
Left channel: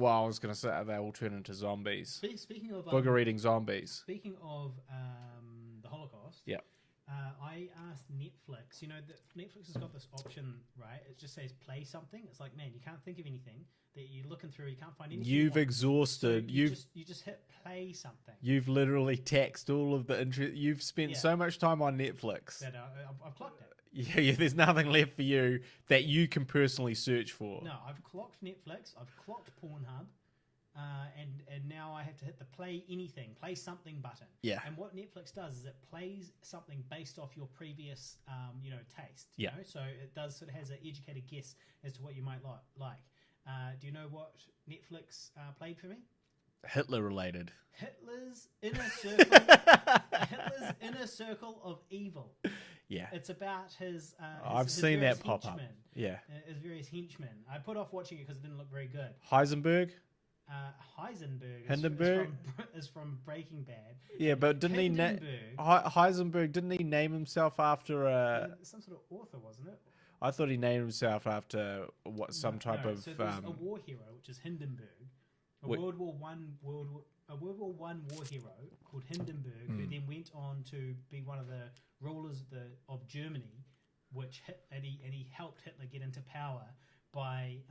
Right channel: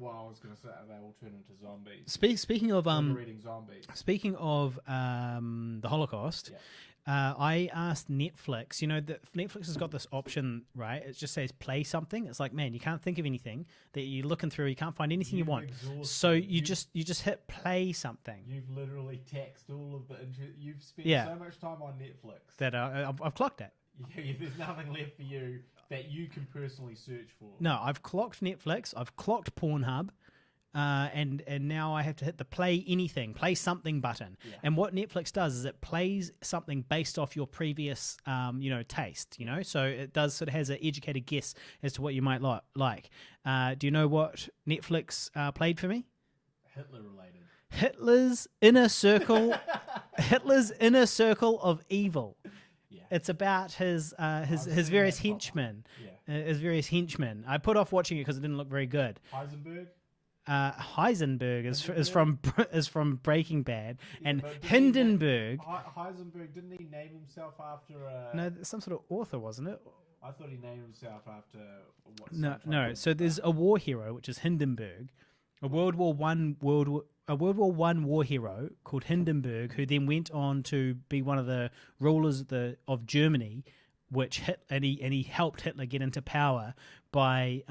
Well, I was going to say they all turn into zombies. Speaking of Booger eating zombies. speaking of the Holocaust, Yeah. I asked Netflix. You know, that Netflix has got this option, right? It just says play something. It's like, man, you can't think of anything that you're looking through. You can't find anything you You've want. exhausted. So you just hit play something. You've literally taxed all of the interest. You've spent Yeah. so much time on Netflix That I've clocked it. Yeah, there's nothing left for you that you can personally search for. No, I've clocked Netflix. I've clocked Pornhub. And now I have to hit the play something button. Yeah. And what Netflix does is it plays something based off your previous, taste. You know, so it does sort of has an educated guess as to what you might like. Do you know what Netflix played for me? Hitler related. Hitler's inner circle. Hitler's inner circle of evil. Yeah. It's about his I've seen various that pop up. henchmen. Yeah. His various henchmen. I put off watching it because it didn't look very good. Heisenberg. Heisenberg is from Breaking Bad. Yeah, and but didn't Hindenburg. Heisenberg, didn't he name himself after No, some sort of author, wasn't it? I thought he named himself after some type No. of. So there's a war hero, which is Hindenburg, a World War One war hero called Hindenburg, who then went on to be one of the rulers of Germany, and he helped Hitler get into power by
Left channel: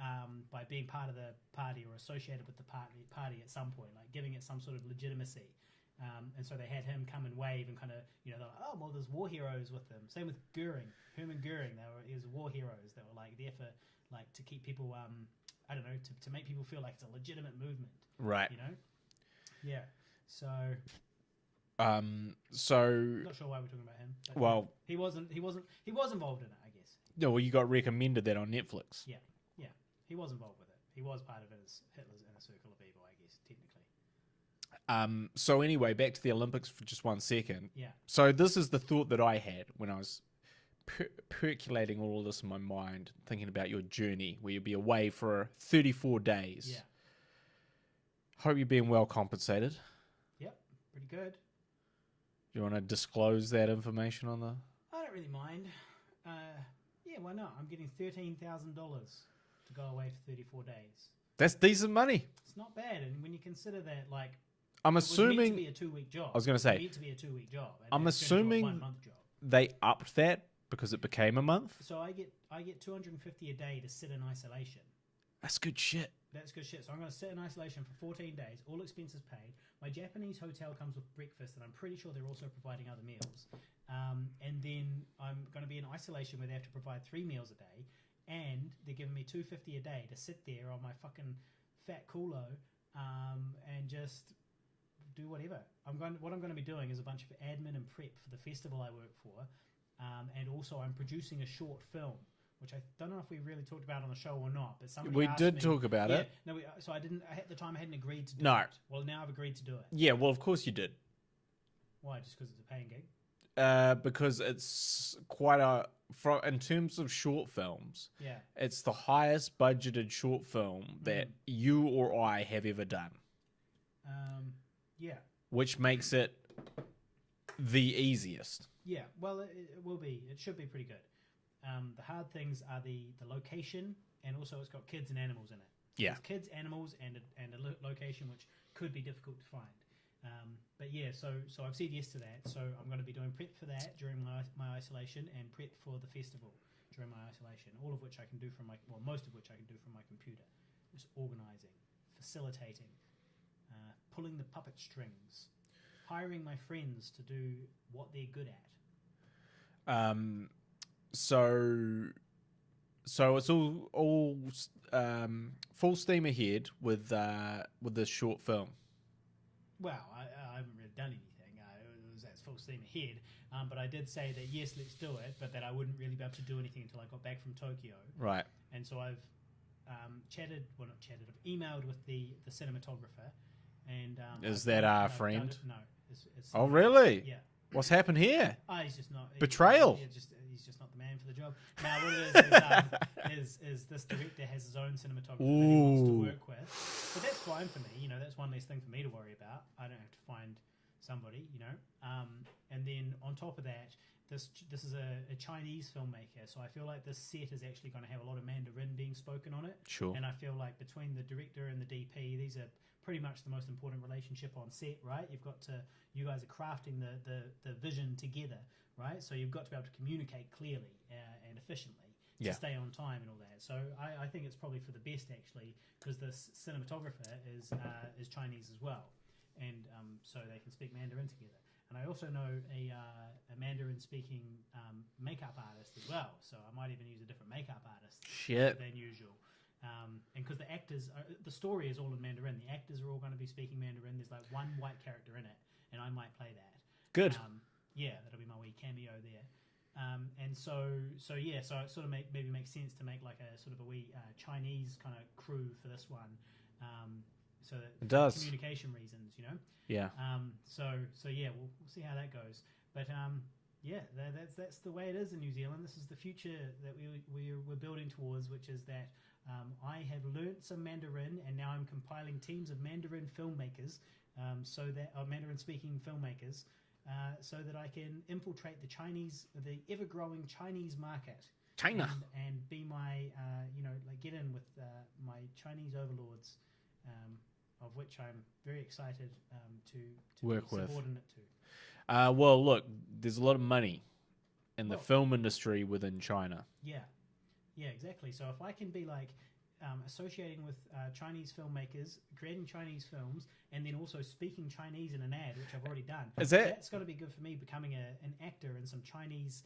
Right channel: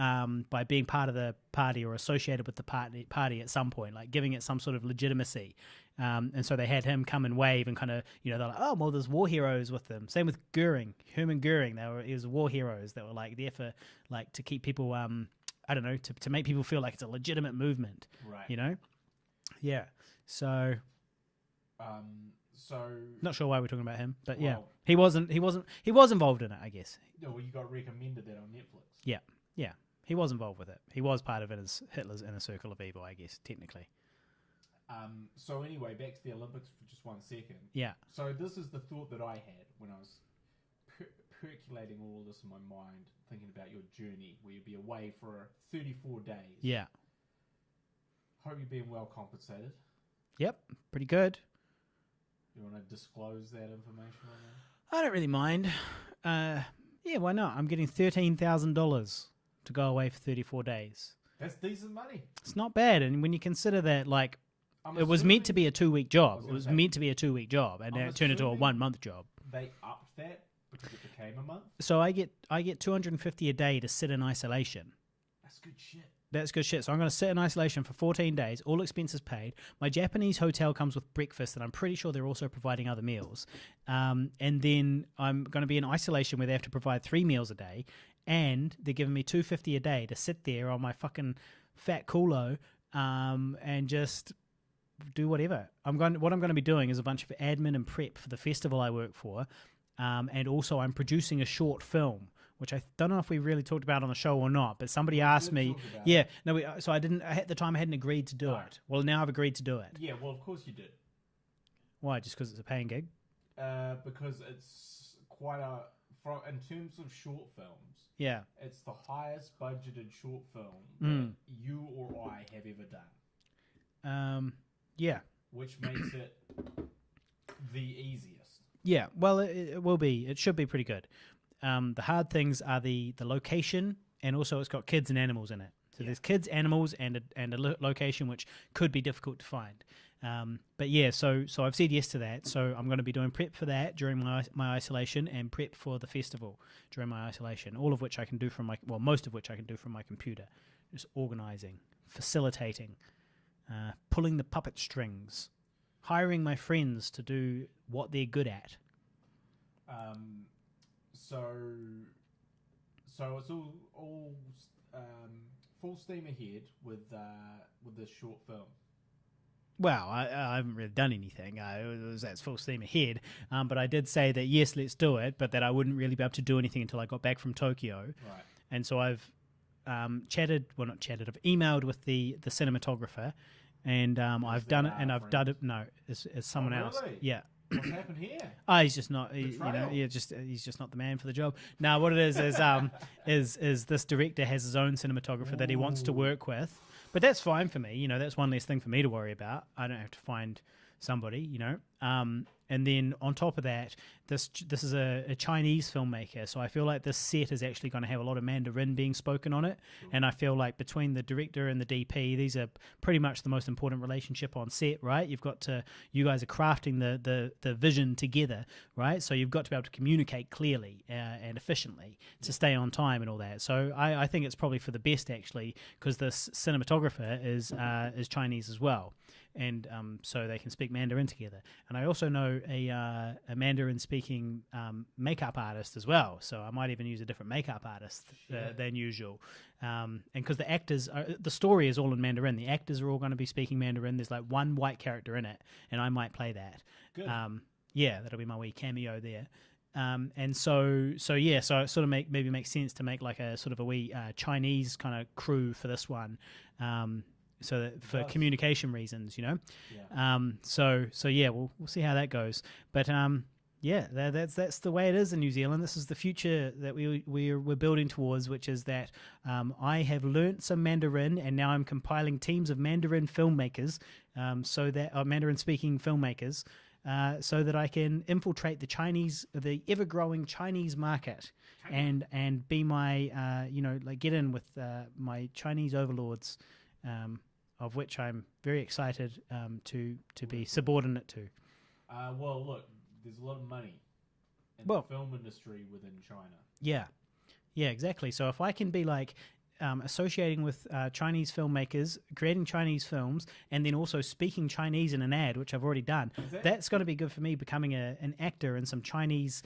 being part of the party or associated with the party at some point, like giving it some sort of legitimacy. And so they had him come and wave and kind of, they're like, oh, well, there's war heroes with them. Same with Hermann Goering. He was war heroes that were like there for like to keep people, to make people feel like it's a legitimate movement. Right. Yeah. So not sure why we're talking about him, but Well- he was involved in it, I guess. No, well, you got recommended that on Netflix. Yeah. He was involved with it. He was part of Hitler's inner circle of evil, I guess, technically. So anyway, back to the Olympics for just 1 second. Yeah. So this is the thought that I had when I was percolating all of this in my mind, thinking about your journey, where you'll be away for 34 days. Yeah. Hope you're being well compensated. Yep. Pretty good. Do you want to disclose that information on the... I don't really mind. Yeah, why not? I'm getting $13,000 to go away for 34 days. That's decent money. It's not bad. And when you consider that, like, I'm it was meant to be a 2-week job. I was going to It say. was meant to be a 2-week job. And I'm now it turned into a assuming 1-month job. They upped that because it became a month. So I get $250 a day to sit in isolation. That's good shit. That's good shit. So I'm going to sit in isolation for 14 days, all expenses paid. My Japanese hotel comes with breakfast, and I'm pretty sure they're also providing other meals. And then I'm going to be in isolation where they have to provide 3 meals a day, and they're giving me $250 a day to sit there on my fucking fat culo and just do whatever. What I'm going to be doing is a bunch of admin and prep for the festival I work for, and also I'm producing a short film, which I don't know if we really talked about on the show or not, but somebody asked me. We did talk about yeah, it. no, so I didn't. At the time, I hadn't agreed to do No. it. Well, now I've agreed to do it. Yeah, well, of course you did. Why? Just because it's a paying gig? Because it's quite in terms of short films, Yeah. it's the highest budgeted short film that you or I have ever done. Yeah. Which makes it the easiest. Yeah. Well, it will be. It should be pretty good. The hard things are the location, and also it's got kids and animals in it. So Yeah. there's kids, animals, and a location which could be difficult to find. But yeah, so I've said yes to that. So I'm going to be doing prep for that during my isolation, and prep for the festival during my isolation. All of which I can do from most of which I can do from my computer. Just organizing, facilitating, pulling the puppet strings, hiring my friends to do what they're good at. So it's all full steam ahead with this short film. Well, I haven't really done anything. That's full steam ahead. But I did say that, yes, let's do it, but that I wouldn't really be able to do anything until I got back from Tokyo. Right. And so I've I've emailed with the cinematographer, and I've that done it. our And friend? I've done it. No, it's someone really? else. Yeah. What's happened here? He's just not Betrayal. he's just not the man for the job. Now, what it is this director has his own cinematographer that he wants to Ooh. work with, but that's fine for me. That's one less thing for me to worry about. I don't have to find somebody, you know. And then on top of that, this is a Chinese filmmaker, so I feel like this set is actually going to have a lot of Mandarin being spoken on it. Sure. And I feel like between the director and the DP, these are pretty much the most important relationship on set, right? You guys are crafting the vision together, right? So you've got to be able to communicate clearly and efficiently to stay on time and all that. So I think it's probably for the best, actually, because this cinematographer is Chinese as well. And so they can speak Mandarin together. And I also know a Mandarin-speaking makeup artist as well, so I might even use a different makeup artist than usual. And because the actors, the story is all in Mandarin, the actors are all going to be speaking Mandarin. There's like one white character in it, and I might play that. Good. Yeah, that'll be my wee cameo there. And so it sort of maybe makes sense to make like a sort of a wee Chinese kind of crew for this one. So that for communication reasons, you know. Yeah. So yeah, we'll see how that goes. But yeah, that's the way it is in New Zealand. This is the future that we're building towards, which is that I have learnt some Mandarin, and now I'm compiling teams of Mandarin filmmakers, Mandarin speaking filmmakers, so that I can infiltrate the ever growing Chinese market. China. And be my get in with my Chinese overlords. Of which I'm very excited to be subordinate to. Well, look, there's a lot of money in the film industry within China. Yeah, exactly. So if I can be like associating with Chinese filmmakers, creating Chinese films, and then also speaking Chinese in an ad, which I've already done, that's going to be good for me becoming an actor in some Chinese,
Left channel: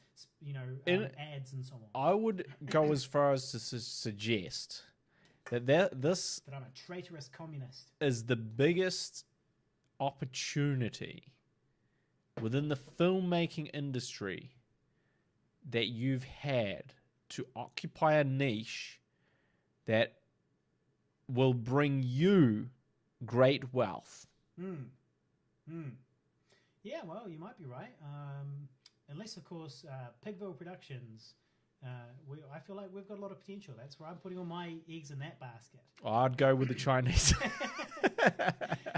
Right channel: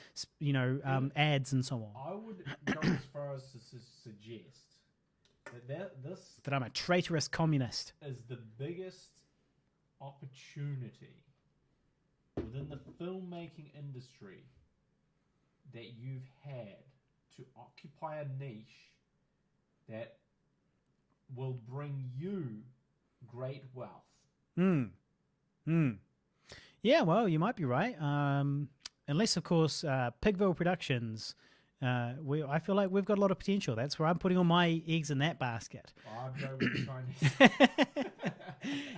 ads and so on. I would go as far as to suggest that I'm a traitorous communist is the biggest opportunity within the filmmaking industry that you've had to occupy a niche that will bring you great wealth. Yeah, well, you might be right. Unless, of course, Pigville Productions. I feel like we've got a lot of potential. That's where I'm putting all my eggs in that basket. I'd go with the Chinese.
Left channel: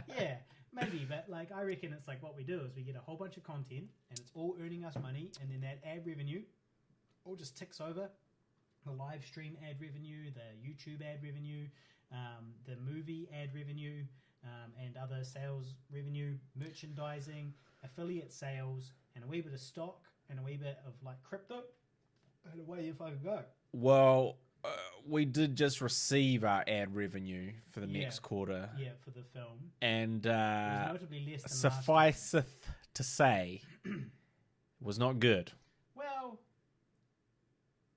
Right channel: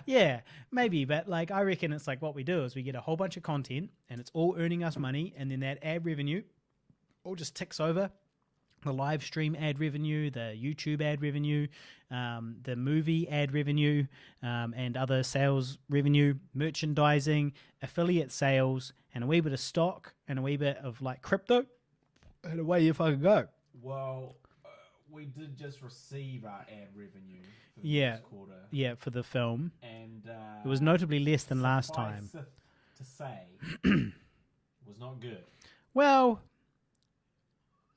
Yeah, maybe, but like I reckon it's like what we do is we get a whole bunch of content and it's all earning us money, and then that ad revenue all just ticks over. The live stream ad revenue, the YouTube ad revenue, the movie ad revenue, and other sales revenue, merchandising, affiliate sales, and a wee bit of stock and a wee bit of like crypto. And away you fucking go. Well, we did just receive our ad revenue for the next quarter. Yeah, for the film. And it was notably less than last time. Sufficeth to say, it was not good. Well,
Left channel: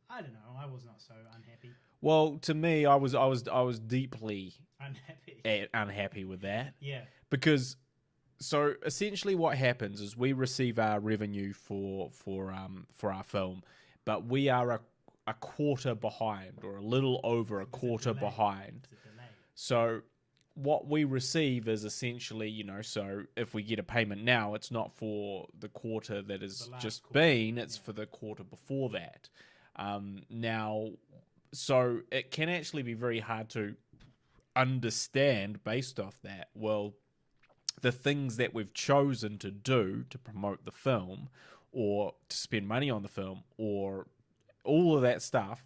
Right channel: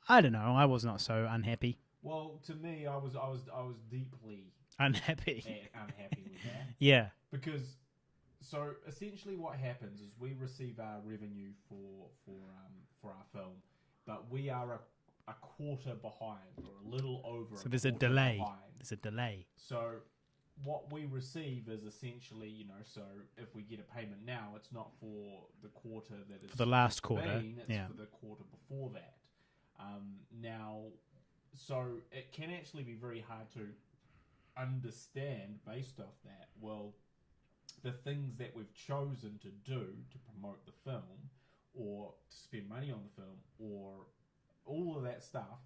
I don't know. I was not so unhappy. Well, to me, I was deeply unhappy with that. Yeah. Because so essentially what happens is we receive our revenue for our film, but we are a quarter behind, or a little over a quarter behind. There's a delay. So what we receive is essentially, so if we get a payment now, it's not for the quarter that is just been, it's for the quarter before that. Now, so it can actually be very hard to understand based off that, well, the things that we've chosen to do to promote the film or to spend money on the film or all of that stuff,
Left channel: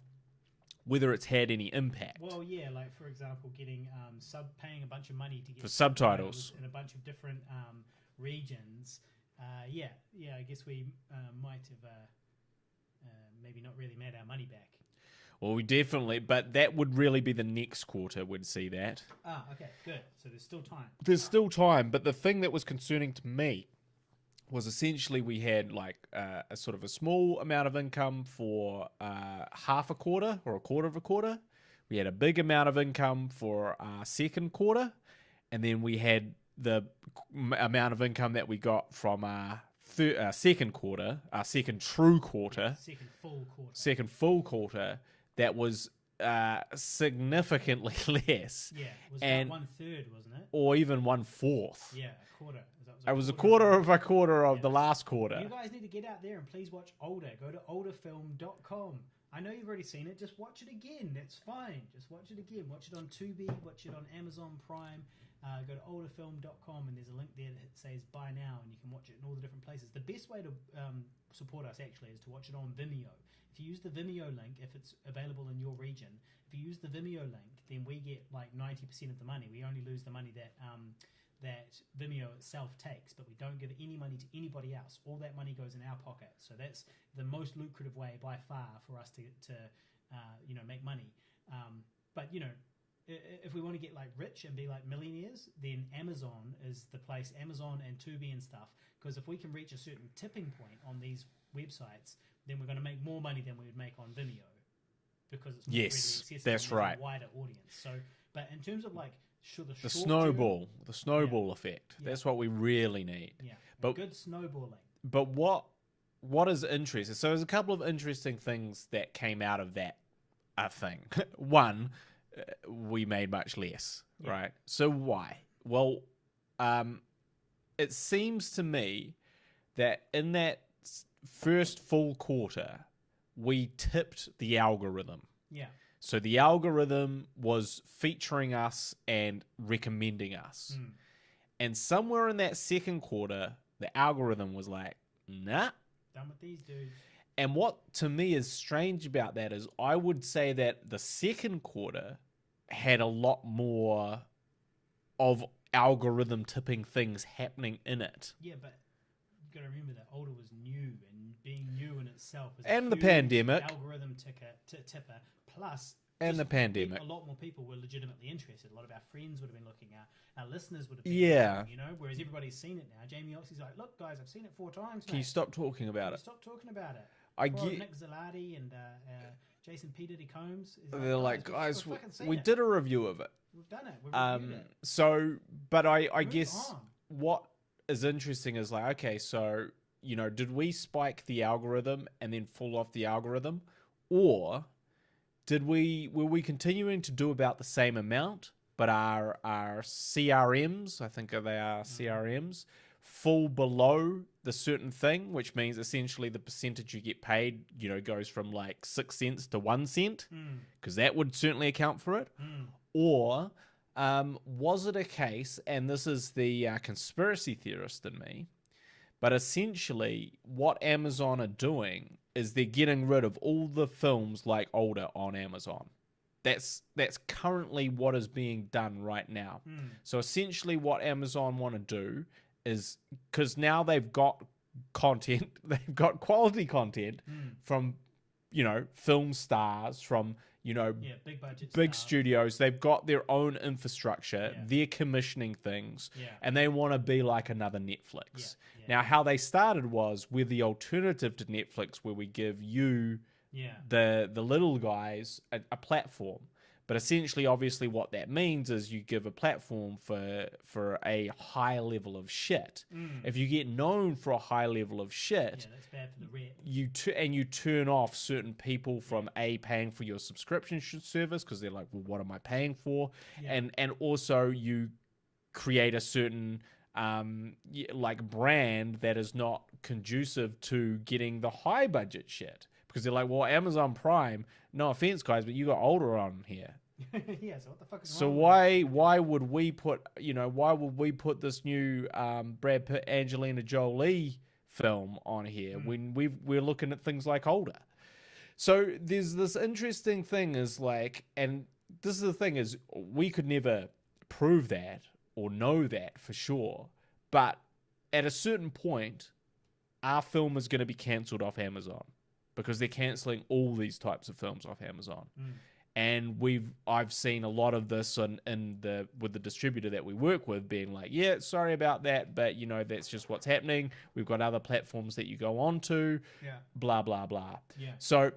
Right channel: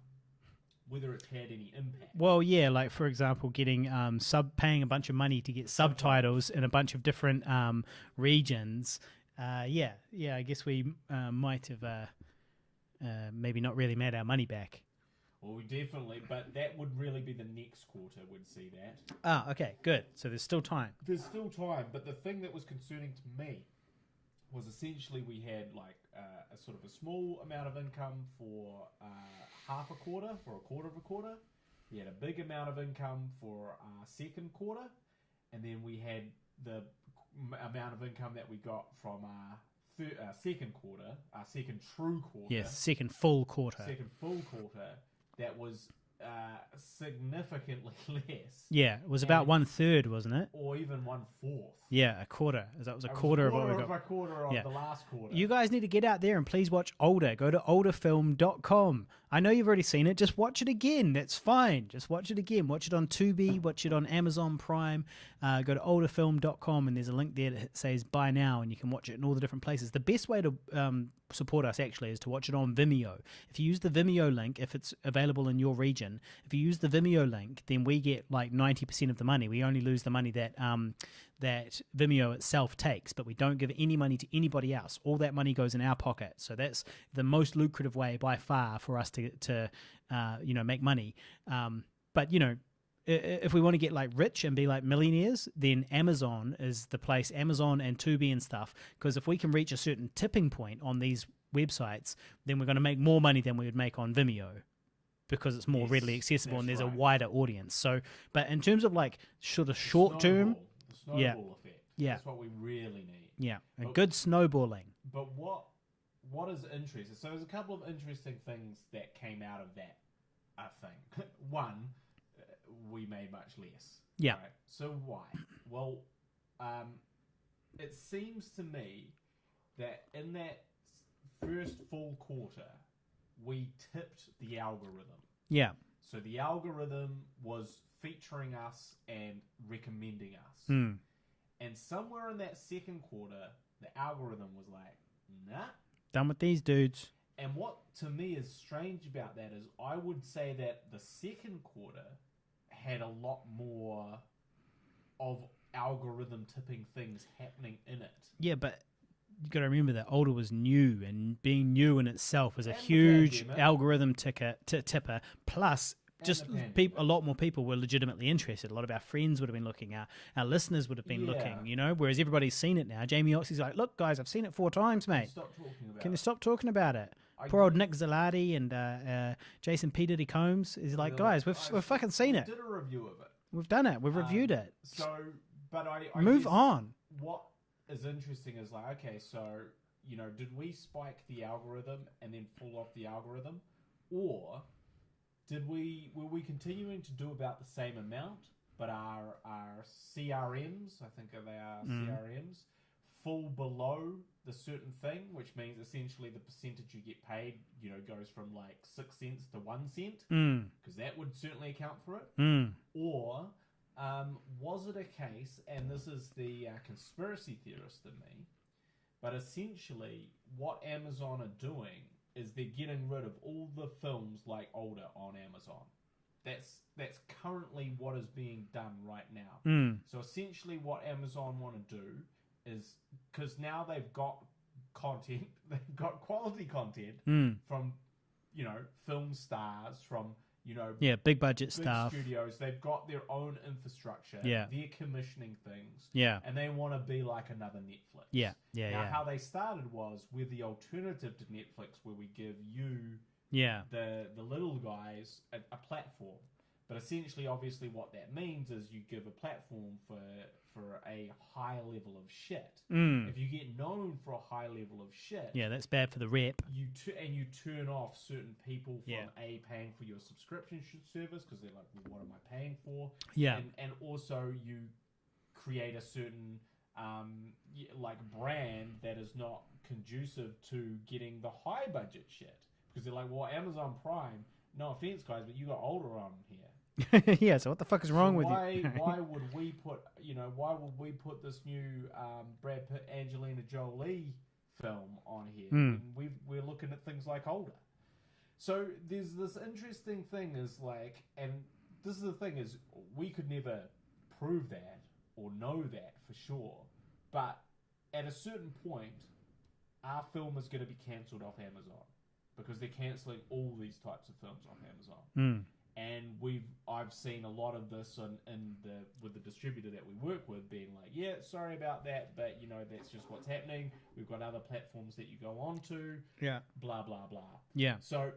whether it's had any impact. Well, yeah, like for example, getting paying a bunch of money to get subtitles in a bunch of different regions. I guess we might have maybe not really made our money back. Well, we definitely, but that would really be the next quarter would see that. Ah, okay, good. So there's still time. There's still time, but the thing that was concerning to me was essentially we had like a sort of a small amount of income for half a quarter or a quarter of a quarter. We had a big amount of income for our second quarter, and then we had the amount of income that we got from our second quarter, our second true quarter. Yes, second full quarter. That was significantly less. Yeah, it was about 1/3, wasn't it? Or even 1/4. Yeah, a quarter. That was a quarter of a quarter of the last quarter. You guys need to get out there and please watch Older. Go to olderfilm.com. I know you've already seen it. Just watch it again. That's fine. Just watch it again. Watch it on Tubi. Watch it on Amazon Prime. Go to olderfilm.com and there's a link there that says buy now, and you can watch it in all the different places. The best way to support us actually is to watch it on Vimeo. If you use the Vimeo link, if it's available in your region, if you use the Vimeo link, then we get like 90% of the money. We only lose the money that that Vimeo itself takes, but we don't give any money to anybody else. All that money goes in our pocket. So that's the most lucrative way by far for us to make money. But if we want to get like rich and be like millionaires, then Amazon is the place, Amazon and Tubi and stuff, because if we can reach a certain tipping point on these websites, then we're going to make more money than we would make on Vimeo, because it's more readily accessible and there's a wider audience. So, but in terms of like short term, the snowball effect, that's what we really need. Yeah, but good snowballing. But what is interesting? So there's a couple of interesting things that came out of that thing. One, we made much less. Yeah. Right. So why? Well, it seems to me that in that first full quarter, we tipped the algorithm. Yeah. So the algorithm was featuring us and recommending us. And somewhere in that second quarter, the algorithm was like, nah. Done with these dudes. And what to me is strange about that is I would say that the second quarter had a lot more of algorithm tipping things happening in it. Yeah, but you got to remember that Older was new, and being new in itself was a And the huge pandemic. algorithm tipper. Plus, And just the pandemic. a lot more people were legitimately interested. A lot of our friends would have been looking at, our listeners would have been Yeah. looking, whereas everybody's seen it now. Jamie Oxley's like, look, guys, I've seen it 4 times, Can mate. you stop talking about Can you it? stop talking about it? I Poor old get- Nick Zalati and Jason P. Diddy Combs is like, They're guys, like, we've fucking seen we it. did a review of it. We've done it. We've reviewed it. So, but I Move guess on. what is interesting is like, okay, so, did we spike the algorithm and then fall off the algorithm? Or were we continuing to do about the same amount, but our CRMs, I think they are CRMs, fall below the certain thing, which means essentially the percentage you get paid, goes from like 6 cents to 1 cent, because that would certainly account for it. Or was it a case, and this is the conspiracy theorist in me, but essentially what Amazon are doing is they're getting rid of all the films like Older on Amazon. That's currently what is being done right now. So essentially what Amazon want to do is, because now they've got content, they've got quality content from, film stars, from, big budget big stuff. studios. They've got their own infrastructure. Yeah. They're commissioning things. Yeah. And they want to be like another Netflix. Yeah. Now, how they started was we're the alternative to Netflix, where we give you, the little guys, a platform. But essentially, obviously, what that means is you give a platform for a high level of shit. If you get known for a high level of shit, that's bad for the rep. you turn off certain people from paying for your subscription service, because they're like, well, what am I paying for? Yeah. And also you create a certain brand that is not conducive to getting the high budget shit, because they're like, well, Amazon Prime, no offense guys, but you got Older on here. Yeah, so what the fuck is So wrong with why would we put this new Brad Pitt Angelina Jolie film on here when we're looking at things like Older? So there's this interesting thing is like, and this is the thing is, we could never prove that or know that for sure, but at a certain point our film is going to be cancelled off Amazon, because they're cancelling all these types of films off Amazon. And I've seen a lot of this with the distributor that we work with being like, yeah, sorry about that, but that's just what's happening. We've got other platforms that you go on to, blah, blah, blah. Yeah. So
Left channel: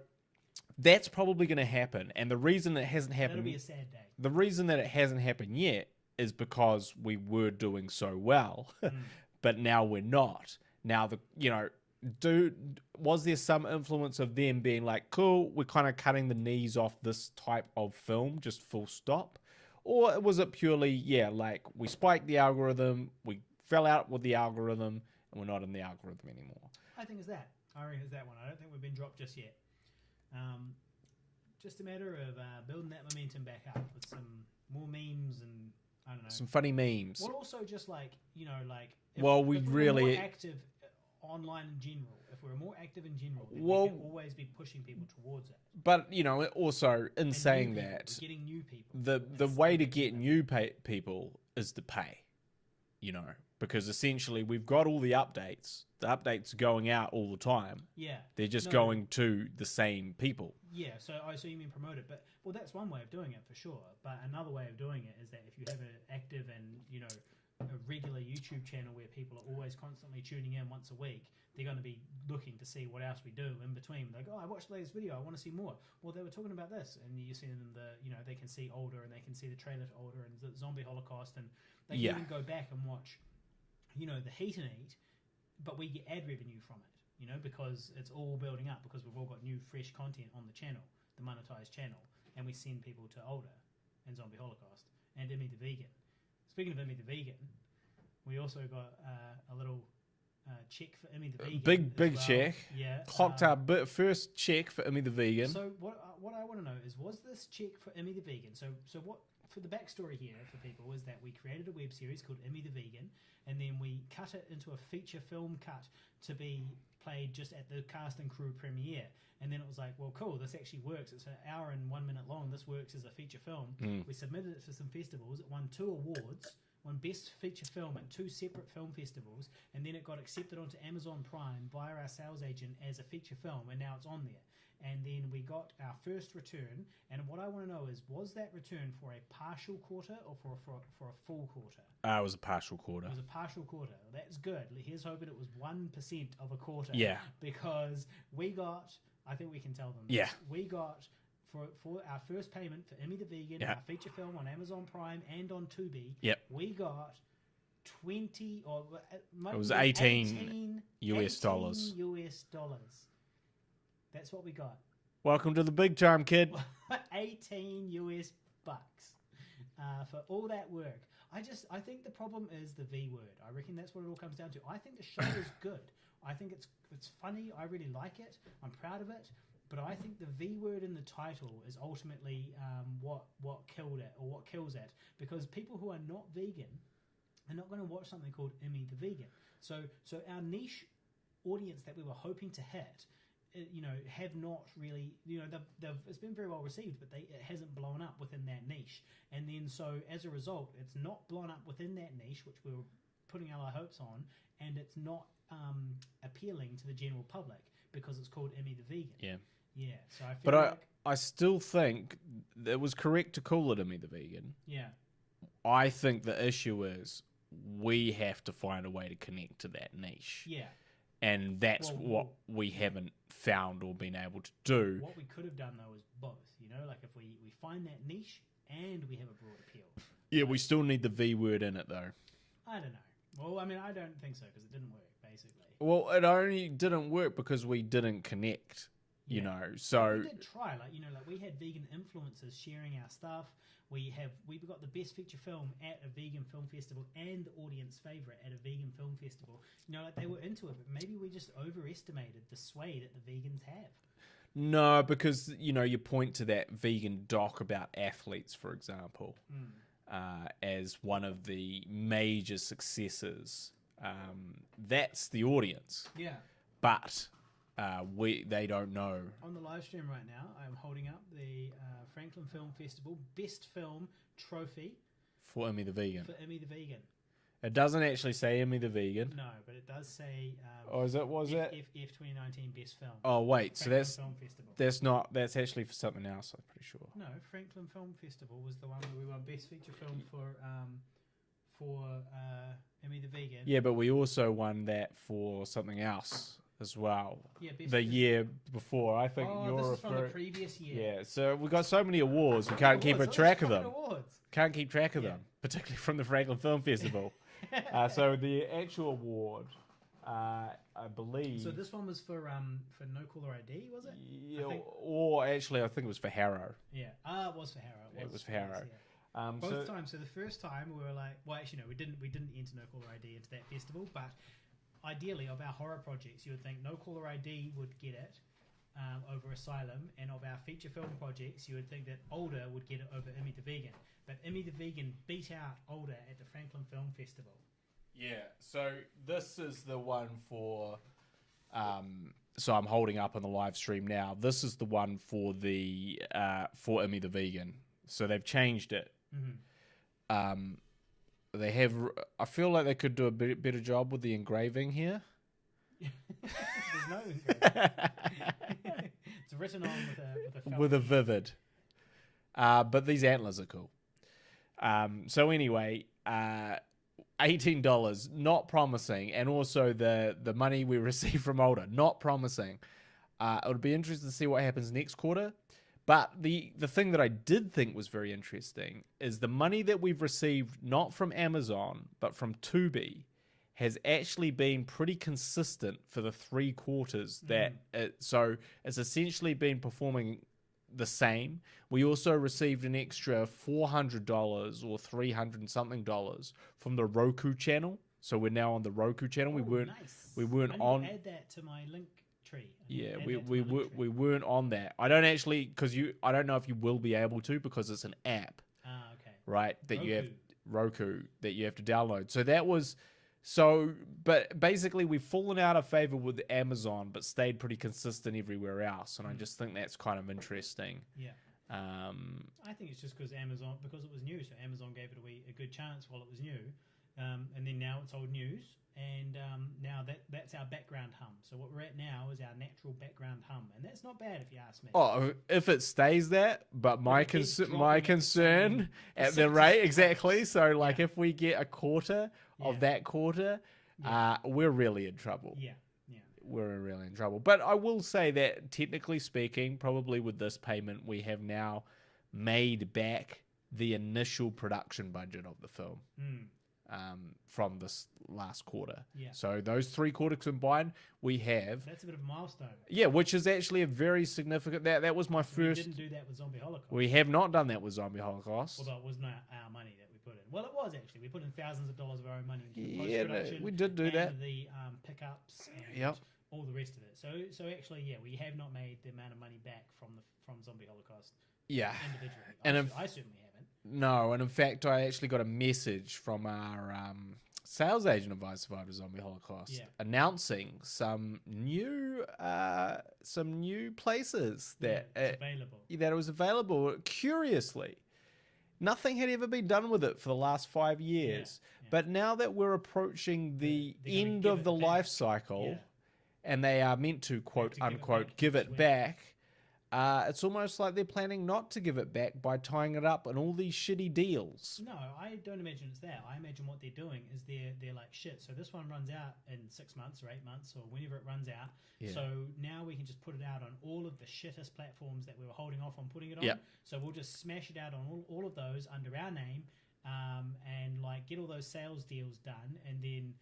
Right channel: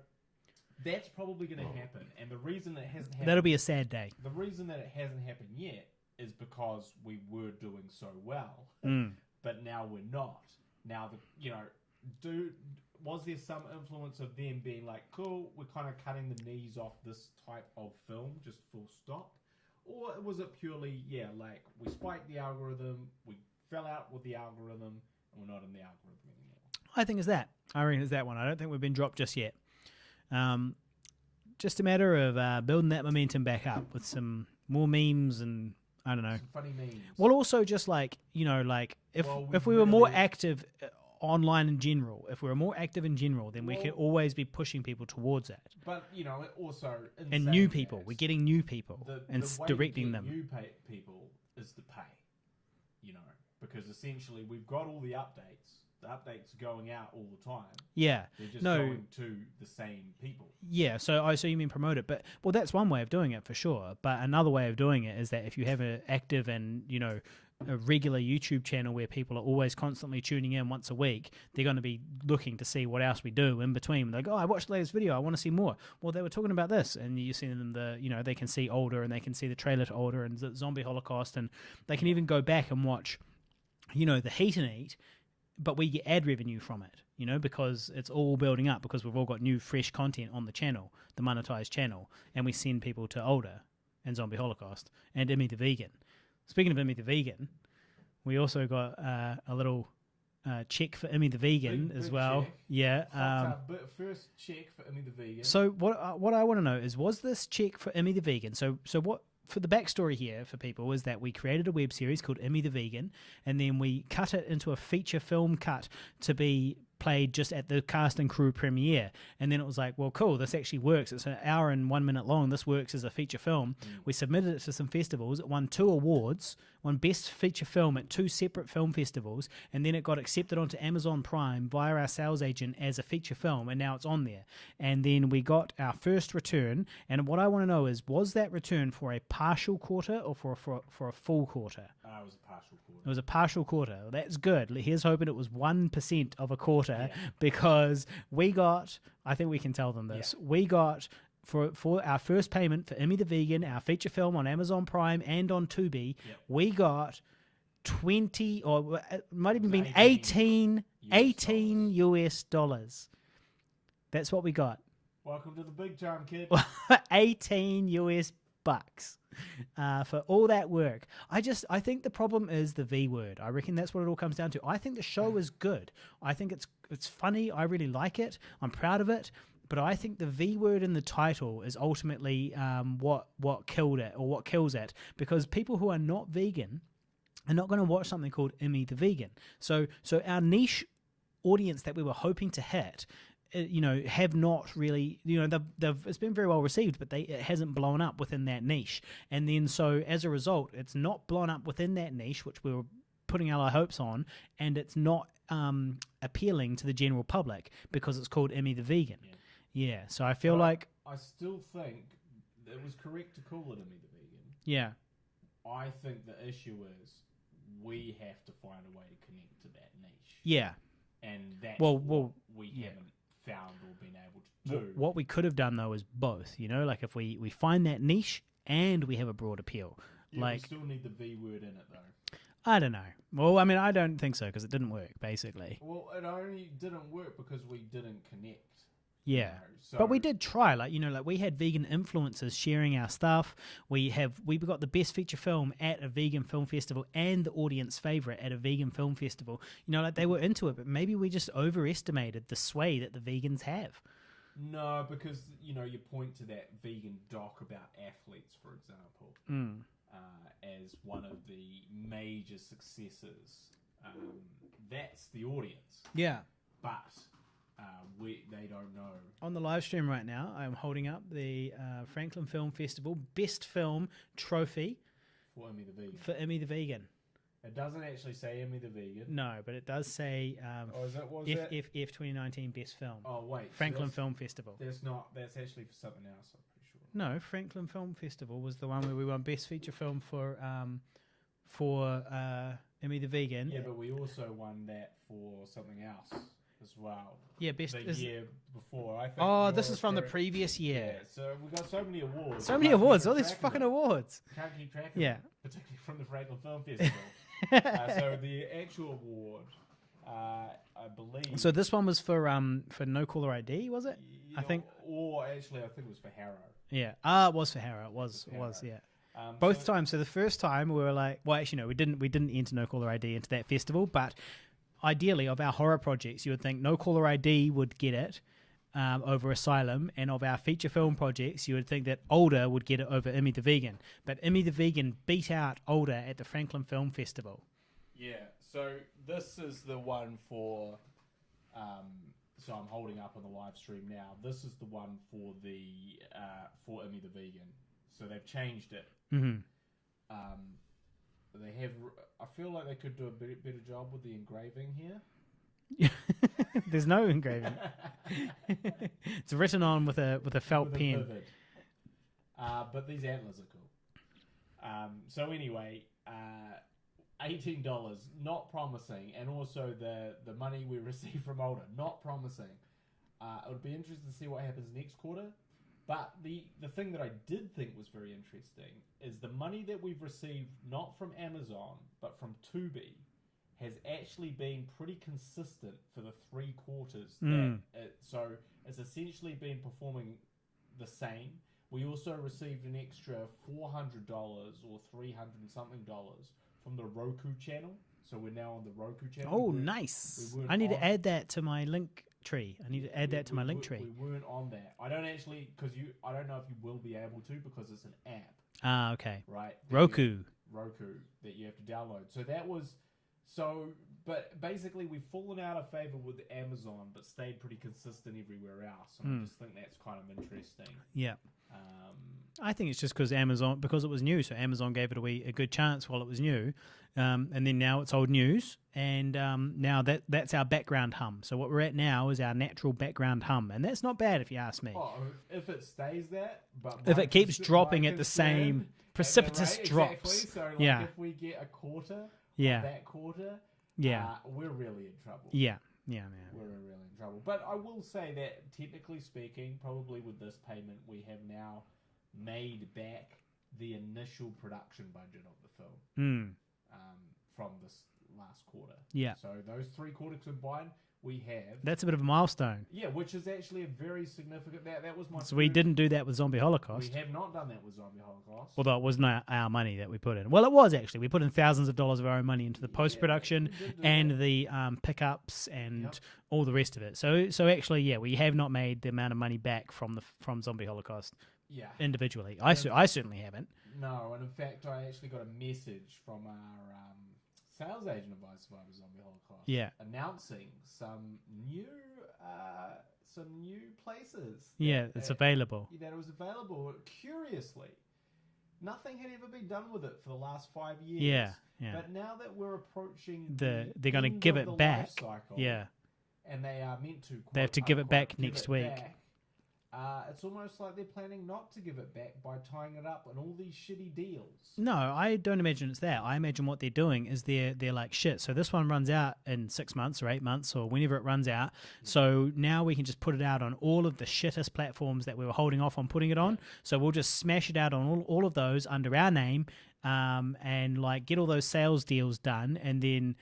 that's probably going to happen. And the reason it hasn't happened... That'll be a sad day. The reason that it hasn't happened yet is because we were doing so well, but now we're not. Now, was there some influence of them being like, cool, we're kind of cutting the knees off this type of film, just full stop? Or was it purely, like we spiked the algorithm, we fell out with the algorithm, and we're not in the algorithm anymore? I think it's that. I reckon it's that one. I don't think we've been dropped just yet. just a matter of building that momentum back up with some more memes and I don't know. Some funny memes. Well, also just like if Well, we if we were more really- active online in general, if we were more active in general, then we Well- could always be pushing people towards it. But it also in And saying new people, that, we're getting new people. the and way to directing get them. new people is to pay. Because essentially we've got all the updates. The updates are going out all the time. Yeah, They're just No. going to the same people. yeah. So you mean promote it, but that's one way of doing it for sure. But another way of doing it is that if you have an active and a regular YouTube channel where people are always constantly tuning in once a week, they're going to be looking to see what else we do in between. They go, oh, I watched the latest video, I want to see more. Well, they were talking about this, and you see them they can see older, and they can see the trailer to older and the Zombie Holocaust, and they can Yeah. even go back and watch, the Heat and Eat, but we get ad revenue from it, because it's all building up because we've all got new fresh content on the channel, the monetized channel, and we send people to older and Zombie Holocaust and Immi the Vegan. Speaking of Immi the Vegan, we also got a little check for Immi the Vegan as Big well. check. Yeah. Clocked our first check for Immi the Vegan. So what I want to know is, was this check for Immi the Vegan? So what for the backstory here for people is that we created a web series called Immi the Vegan, and then we cut it into a feature film cut to be played just at the cast and crew premiere. And then it was like, well, cool, this actually works. It's an hour and 1 minute long. This works as a feature film. We submitted it to some festivals. It won 2 awards, won Best Feature Film at 2 separate film festivals, and then it got accepted onto Amazon Prime via our sales agent as a feature film, and now it's on there. And then we got our first return, and what I want to know is, was that return for a partial quarter or for a full quarter? It was a partial quarter. It was a partial quarter. That's good. Here's hoping it was 1% of a quarter. Yeah. Because we got, I think we can tell them this. Yeah. We got for our first payment for Immi the Vegan, Yeah. our feature film on Amazon Prime and on Tubi. Yep. We got 20 or it might It even was be 18 US dollars. That's what we got. Welcome to the big time, kid. 18 US bucks for all that work. I think the problem is the V word. I reckon that's what it all comes down to. I think the show is good. I think it's funny. I really like it. I'm proud of it. But I think the V word in the title is ultimately what killed it, or what kills it, because people who are not vegan are not going to watch something called Immi the Vegan. So our niche audience that we were hoping to hit, have not really, it's been very well received, but it hasn't blown up within that niche. And then so as a result, it's not blown up within that niche, which we were putting our hopes on, and it's not appealing to the general public because it's called Immi the Vegan. Yeah. Yeah, so I feel But like... I still think it was correct to call it Immi the Vegan. Yeah. I think the issue is we have to find a way to connect to that niche. Yeah. And that's Well, what we haven't found or been able to do. What we could have done, though, is both. Like if we find that niche and we have a broad appeal. Yeah, we Like, still need the V word in it, though. I don't know. Well, I mean, I don't think so, because it didn't work, basically. Well, it only didn't work because we didn't connect. Yeah. So But we did try, like we had vegan influencers sharing our stuff. We got the best feature film at a vegan film festival and the audience favorite at a vegan film festival. They were into it, but maybe we just overestimated the sway that the vegans have. No, because, you point to that vegan doc about athletes, for example, as one of the major successes. That's the audience. Yeah. But they don't know. On the live stream right now, I'm holding up the Franklin Film Festival Best Film Trophy For Immi the Vegan. for Immi the Vegan. It doesn't actually say Immi the Vegan. No, but it does say Was it? F 2019 Best Film. Oh, wait. Franklin So Film Festival. that's actually for something else, I'm pretty sure. No, Franklin Film Festival was the one where we won Best Feature Film for Immi the Vegan. Yeah, but we also won that for something else as well. Yeah, best The year before, I think. Oh, you're this is from the referring- previous year. Yeah, so we got so many awards. So we many can't awards. keep All a these track of fucking them. awards. Can't keep track of Yeah. them, particularly from the Franklin Film Festival. So the actual award, I believe. So this one was for No Caller ID, was it? I think. Or actually, I think it was for Harrow. Yeah. It was for Harrow. It was for Harrow. yeah. Both times. So the first time we were like, well, actually no, we didn't enter No Caller ID into that festival. But ideally, of our horror projects, you would think No Caller ID would get it, over Asylum, and of our feature film projects, you would think that Older would get it over Immi the Vegan. But Immi the Vegan beat out Older at the Franklin Film Festival. Yeah, so this is the one for... so I'm holding up on the live stream now. This is the one for the for Immi the Vegan. So they've changed it. Mm-hmm. They have... I feel like they could do a better job with the engraving here. There's no engraving. It's written on with a felt with pen. a vivid. But these antlers are cool. So anyway, $18, not promising, and also the money we receive from Older, not promising. It would be interesting to see what happens next quarter. But the thing that I did think was very interesting is the money that we've received not from Amazon but from Tubi has actually been pretty consistent for the 3 quarters. So it's essentially been performing the same. We also received an extra $400 or $300 and something from the Roku channel. So we're now on the Roku channel. Oh, nice. We weren't I need on, to add that to my link tree. I need to add that to my link tree. We weren't on that. I don't actually, I don't know if you will be able to because it's an app. Ah, okay. Right? Roku that you have to download. So that was... but basically we've fallen out of favor with Amazon, but stayed pretty consistent everywhere else. And I just think that's kind of interesting. Yeah. I think it's just because it was new. So Amazon gave it a good chance while it was new. And then now it's old news. And now that's our background hum. So what we're at now is our natural background hum. And that's not bad if you ask me. Oh, if it stays that, but if it keeps dropping at the same at the rate, drops. exactly. So if we get a quarter of that quarter, we're really in trouble. Yeah. We're really in trouble. But I will say that technically speaking, probably with this payment, we have now made back the initial production budget of the film from this last quarter. Yeah. So those 3 quarters combined, we have. That's a bit of a milestone. Yeah, which is actually a very significant. That was my first. We didn't do that with Zombie Holocaust. We have not done that with Zombie Holocaust. Although it wasn't our money that we put in. Well, it was actually. We put in thousands of dollars of our own money into the post-production and the pickups and all the rest of it. So actually, we have not made the amount of money back from Zombie Holocaust. Yeah. Individually. I certainly haven't. No, and in fact, I actually got a message from our sales agent of I Survived a Zombie Holocaust announcing some new places that it's available. That it was available. Curiously, nothing had ever been done with it for the last 5 years. Yeah. But now that we're approaching the they're end give of it the back. life cycle, Yeah. and they are meant to quote, they have to give unquote, it back next week. It's almost like they're planning not to give it back by tying it up in all these shitty deals. No, I don't imagine it's that. I imagine what they're doing is they're like, shit, so this one runs out in 6 months or 8 months or whenever it runs out. Yeah. So now we can just put it out on all of the shittest platforms that we were holding off on putting it on. Yep. So we'll just smash it out on all of those under our name and like get all those sales deals done, and then...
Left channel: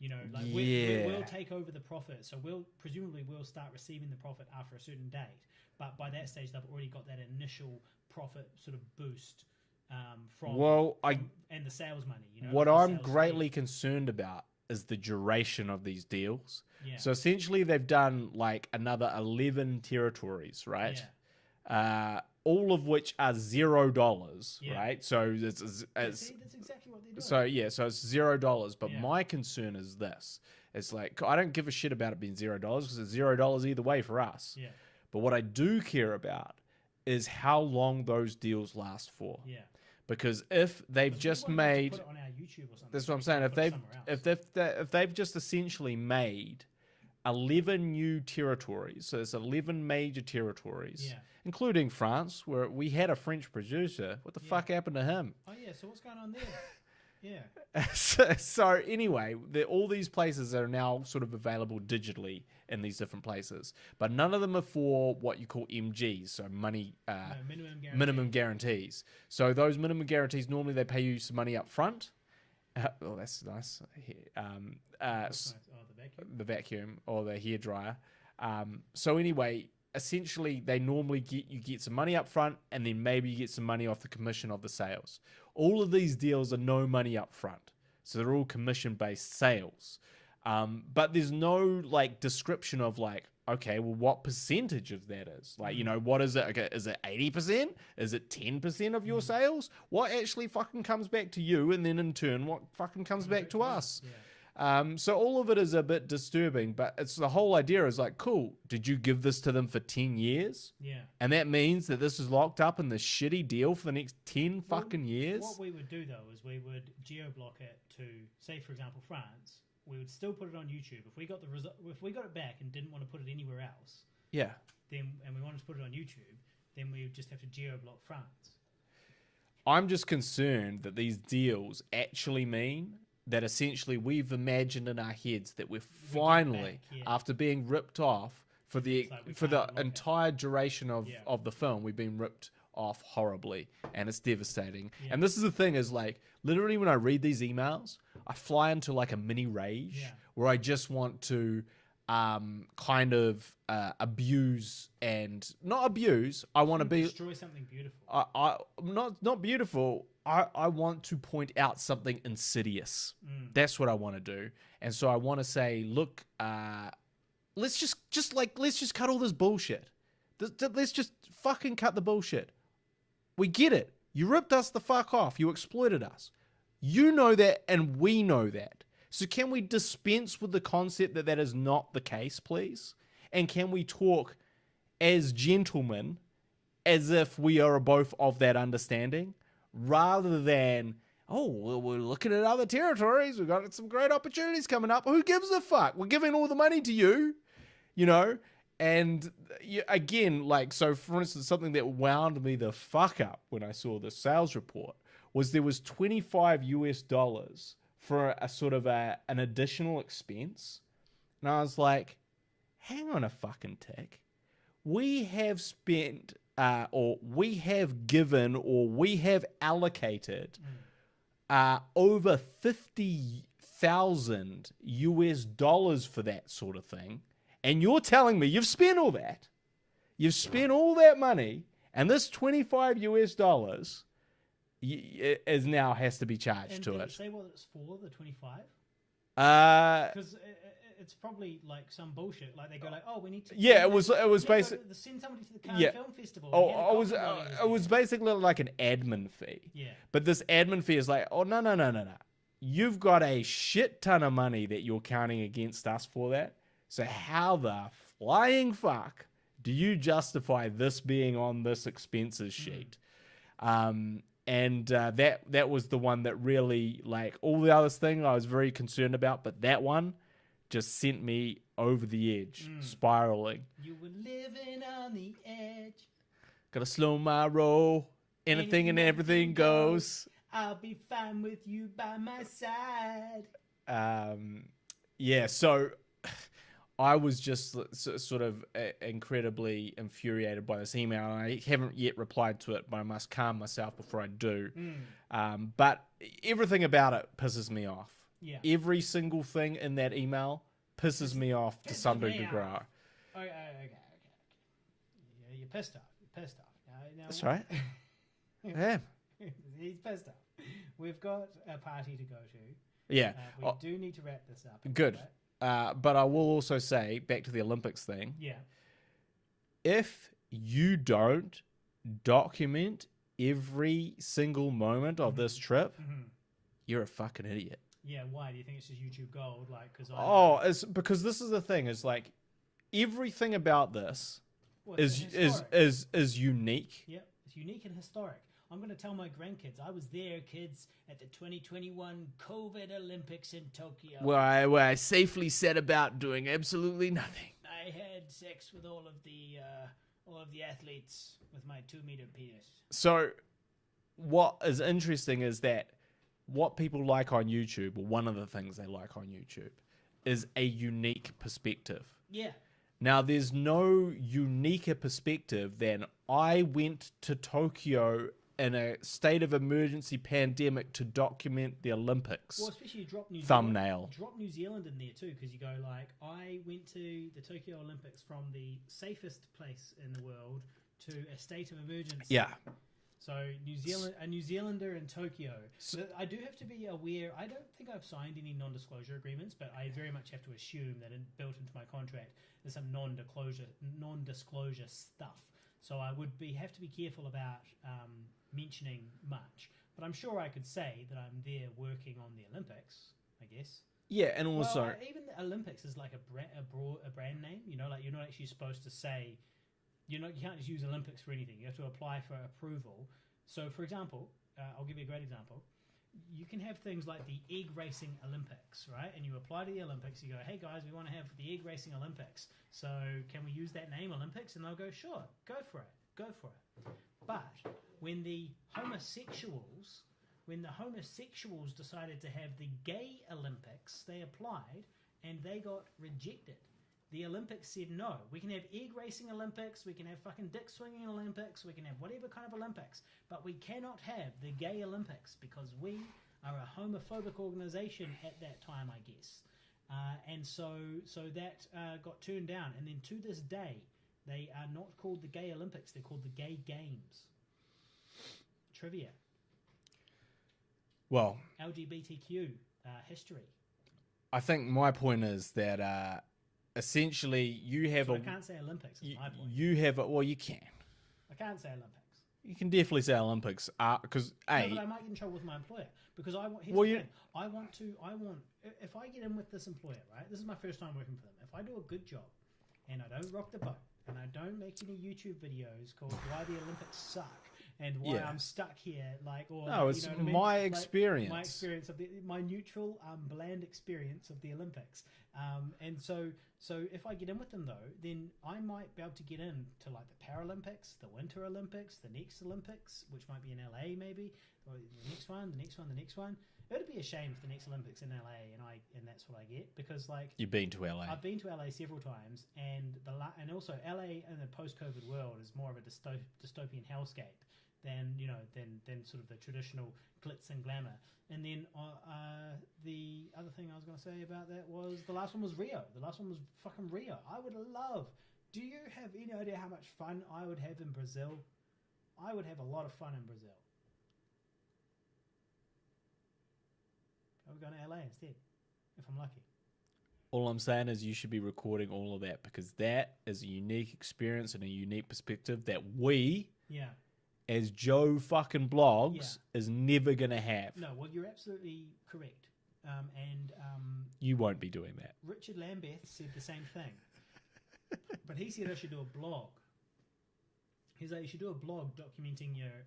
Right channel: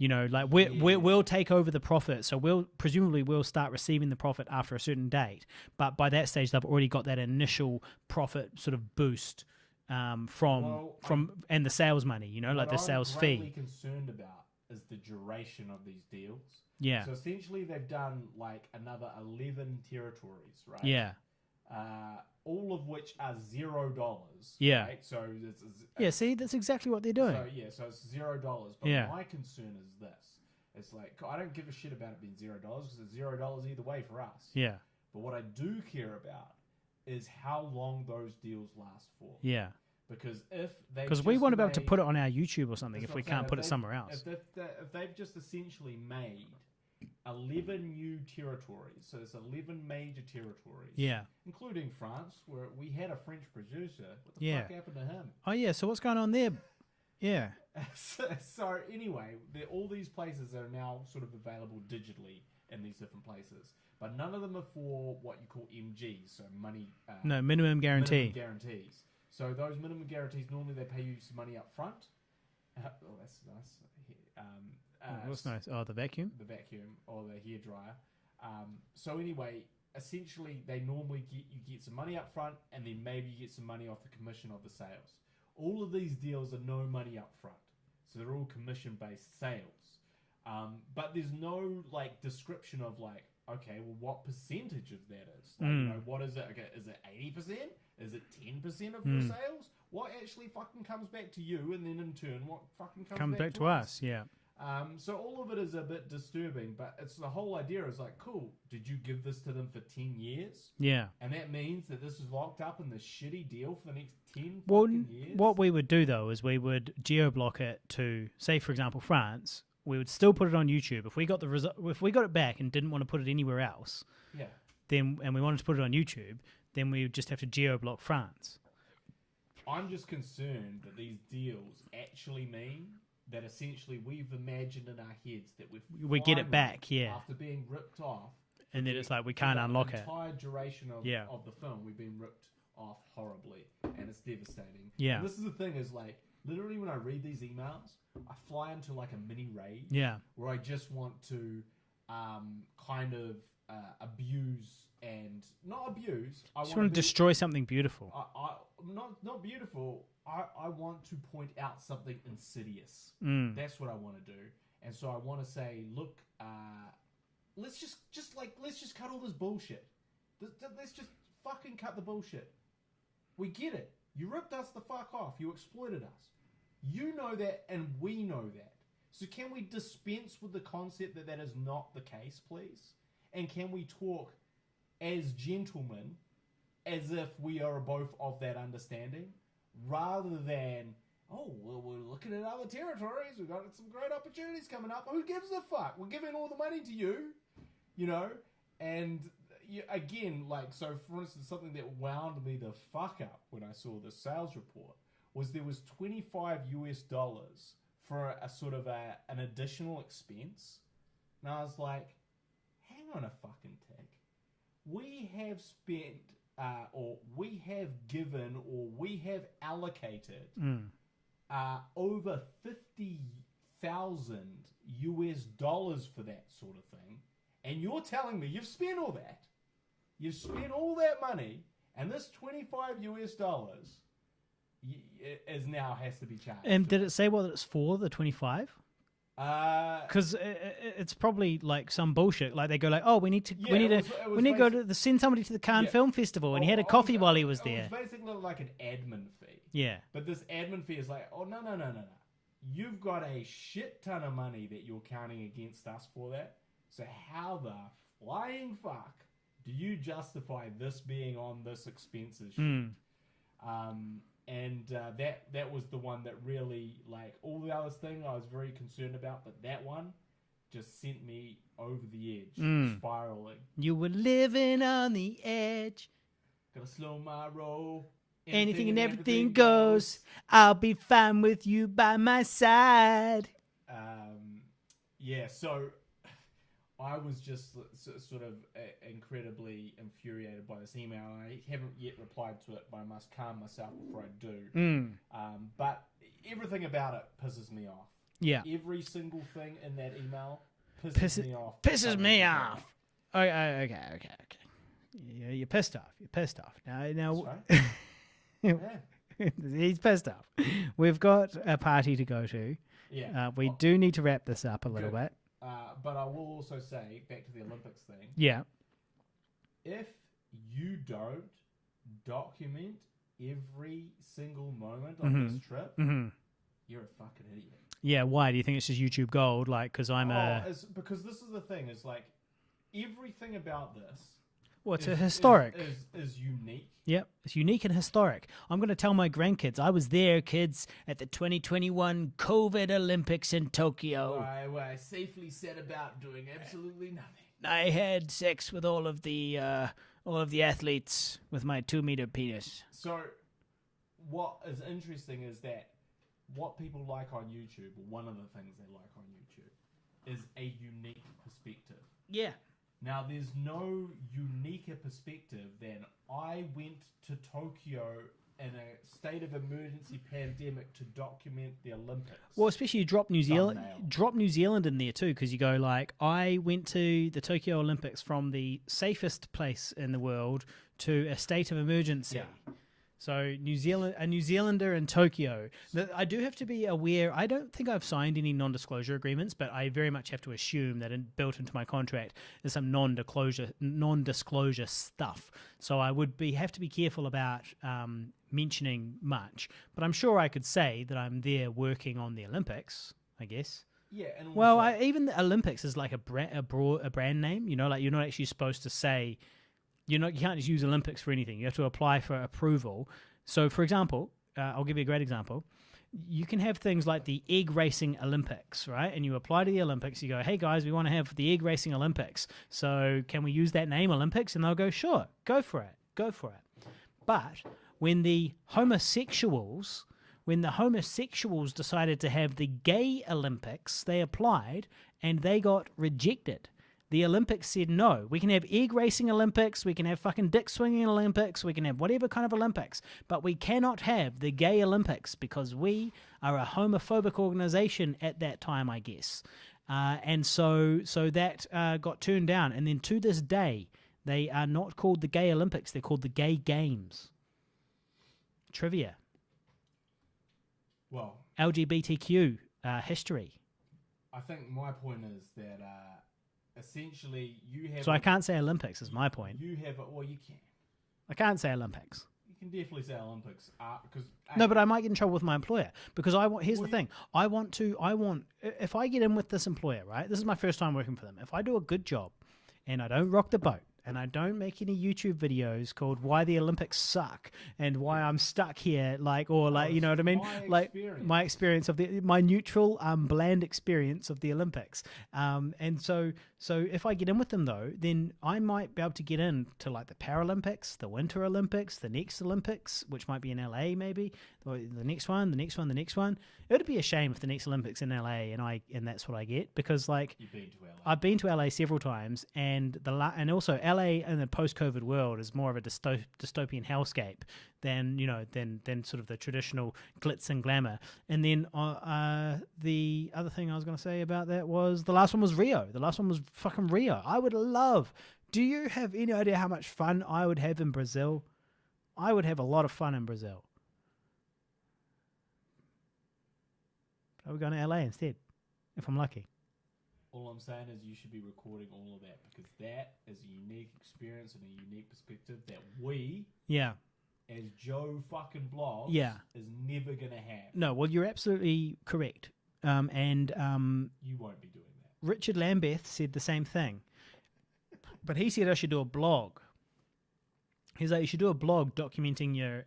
we'll take over the profit. So we'll start receiving the profit after a certain date. But by that stage, they've already got that initial profit sort of boost and the sales money. What like the I'm sales greatly fee. concerned about is the duration of these deals. Yeah. So essentially, they've done like another 11 territories, right? Yeah. All of which are $0. Yeah. Right. So see, that's exactly what they're doing. So it's $0. But my concern is this: it's like I don't give a shit about it being $0 because it's $0 either way for us. Yeah. But what I do care about is how long those deals last for. Yeah. Because if they've just we want to be able to put it on our YouTube or something if we can't put it somewhere else. If they've just essentially made 11 new territories, so it's 11 major territories, including France, where we had a French producer. What the fuck happened to him? Oh yeah, so what's going on there? Yeah. So anyway, all these places are now sort of available digitally in these different places, but none of them are for what you call MGs, so money. Minimum guarantee. Minimum guarantees. So those minimum guarantees, normally they pay you some money up front. Oh, that's nice. What's nice? Oh, the vacuum? The vacuum or the hairdryer. So anyway, essentially they normally get some money up front, and then maybe you get some money off the commission of the sales. All of these deals are no money up front. So they're all commission-based sales. But there's no like description of like, okay, well, what percentage of that is? Like, you know, what is it? Okay, is it 80%? Is it 10% of your sales? What actually fucking comes back to you? And then in turn, what fucking comes back to us? Yeah. So all of it is a bit disturbing, but it's the whole idea is like, cool, did you give this to them for 10 years? Yeah. And that means that this is locked up in this shitty deal for the next 10 fucking years? What we would do, though, is we would geo-block it to, say, for example, France. We would still put it on YouTube. If we got if we got it back and didn't want to put it anywhere else, Yeah. and we wanted to put it on YouTube, then we would just have to geo-block France. I'm just concerned that these deals actually mean that essentially we've imagined in our heads that we get it back, after being ripped off for And then the, it's like we for can't the unlock it. entire duration of, Yeah. of the film, we've been ripped off horribly, and it's devastating. Yeah. And this is the thing is like, literally when I read these emails, I fly into like a mini rage Yeah. where I just want to kind of abuse and not abuse. I want to be destroy something beautiful. I not beautiful. I want to point out something insidious. That's what I want to do. And so I want to say, look, let's just cut all this bullshit. Let's just fucking cut the bullshit. We get it. You ripped us the fuck off. You exploited us. You know that, and we know that. So can we dispense with the concept that that is not the case, please? And can we talk as gentlemen, as if we are both of that understanding, rather than, oh, well, we're looking at other territories. We've got some great opportunities coming up. Who gives a fuck? We're giving all the money to you, you know? And again, like, so for instance, something that wound me the fuck up when I saw the sales report was there was $25 for a sort of an additional expense. And I was like, hang on a fucking tick. We have spent, or we have given, or we have allocated over $50,000 for that sort of thing. And you're telling me you've spent all that. You've spent all that money, and this $25 is now has to be charged. And to did us. it say what it's for, the 25? Uh, Because it's probably like some bullshit. Like they go like, oh, we need to. Yeah, we it was need to go basi- to send somebody to the Cannes Yeah. Film Festival, and he had a coffee while he was there. It was basically like an admin fee. Yeah. But this admin fee is like, oh, no. You've got a shit ton of money that you're counting against us for that. So how the flying fuck do you justify this being on this expenses sheet? And that was the one that really, like, all the other thing I was very concerned about, but that one just sent me over the edge, spiraling. You were living on the edge. Gotta slow my roll. Anything and everything goes. I'll be fine with you by my side. Yeah, so I was just sort of incredibly infuriated by this email. I haven't yet replied to it, but I must calm myself before I do. But everything about it pisses me off. Yeah. Every single thing in that email pisses me off. to Pisses some me degree. off. Okay. Yeah, you're pissed off. Now, That's right. Yeah. He's pissed off. We've got a party to go to. Yeah. We do need to wrap this up a little bit. But I will also say, back to the Olympics thing, Yeah. if you don't document every single moment of this trip, you're a fucking idiot. Yeah, why? Do you think it's just YouTube gold? Like, because I'm it's because this is the thing. It's like everything about this it's historic. is unique. Yep, it's unique and historic. I'm going to tell my grandkids, I was there, kids, at the 2021 COVID Olympics in Tokyo. Where I safely set about doing absolutely nothing. I had sex with all of the athletes with my 2-meter penis. So what is interesting is that what people like on YouTube, or one of the things they like on YouTube, is a unique perspective. Yeah. Now, there's no uniquer perspective than I went to Tokyo in a state of emergency pandemic to document the Olympics. Well, especially you drop New Zealand. Thumbnail. Drop New Zealand in there too, because you go like, I went to the Tokyo Olympics from the safest place in the world to a state of emergency. Yeah. So New Zealand, a New Zealander in Tokyo. I do have to be aware. I don't think I've signed any non-disclosure agreements, but I very much have to assume that built into my contract is some non-disclosure stuff. So I would have to be careful about mentioning much. But I'm sure I could say that I'm there working on the Olympics, I guess. Yeah, and also... Well, even the Olympics is like a brand name. You know, like you're not actually supposed to say... You can't just use Olympics for anything. You have to apply for approval. So, for example, I'll give you a great example. You can have things like the egg racing Olympics, right? And you apply to the Olympics. You go, hey, guys, we want to have the egg racing Olympics. So can we use that name, Olympics? And they'll go, sure, go for it. Go for it. But when the homosexuals decided to have the gay Olympics, they applied and they got rejected. The Olympics said, no, we can have egg racing Olympics, we can have fucking dick swinging Olympics, we can have whatever kind of Olympics, but we cannot have the gay Olympics because we are a homophobic organization at that time, I guess. And so that got turned down. And then to this day, they are not called the gay Olympics, they're called the gay games. Trivia. Well, LGBTQ history. I think my point is that... essentially, you have... So I can't say Olympics is my point. You have... Well, you can. I can't say Olympics. You can definitely say Olympics because... No, but I might get in trouble with my employer because here's the thing. If I get in with this employer, right? This is my first time working for them. If I do a good job and I don't rock the boat and I don't make any YouTube videos called "Why the Olympics Suck" and why I'm stuck here, you know what I mean? My experience of my neutral, bland experience of the Olympics. And so if I get in with them though, then I might be able to get in to like the Paralympics, the Winter Olympics, the next Olympics, which might be in LA maybe, or the next one. It would be a shame if the next Olympics in LA and that's what I get because like you've been to LA. I've been to LA several times, and also LA in the post-COVID world is more of a dystopian hellscape than sort of the traditional glitz and glamour. And then the other thing I was going to say about that was the last one was Rio. The last one was fucking Rio. I would love. Do you have any idea how much fun I would have in Brazil? I would have a lot of fun in Brazil. I would go to LA instead, if I'm lucky. All I'm saying is you should be recording all of that because that is a unique experience and a unique perspective that we, as Joe fucking blogs, is never going to have. No, well, you're absolutely correct. And you won't be doing that. Richard Lambeth said the same thing. But he said I should do a blog. He's like, you should do a blog documenting your,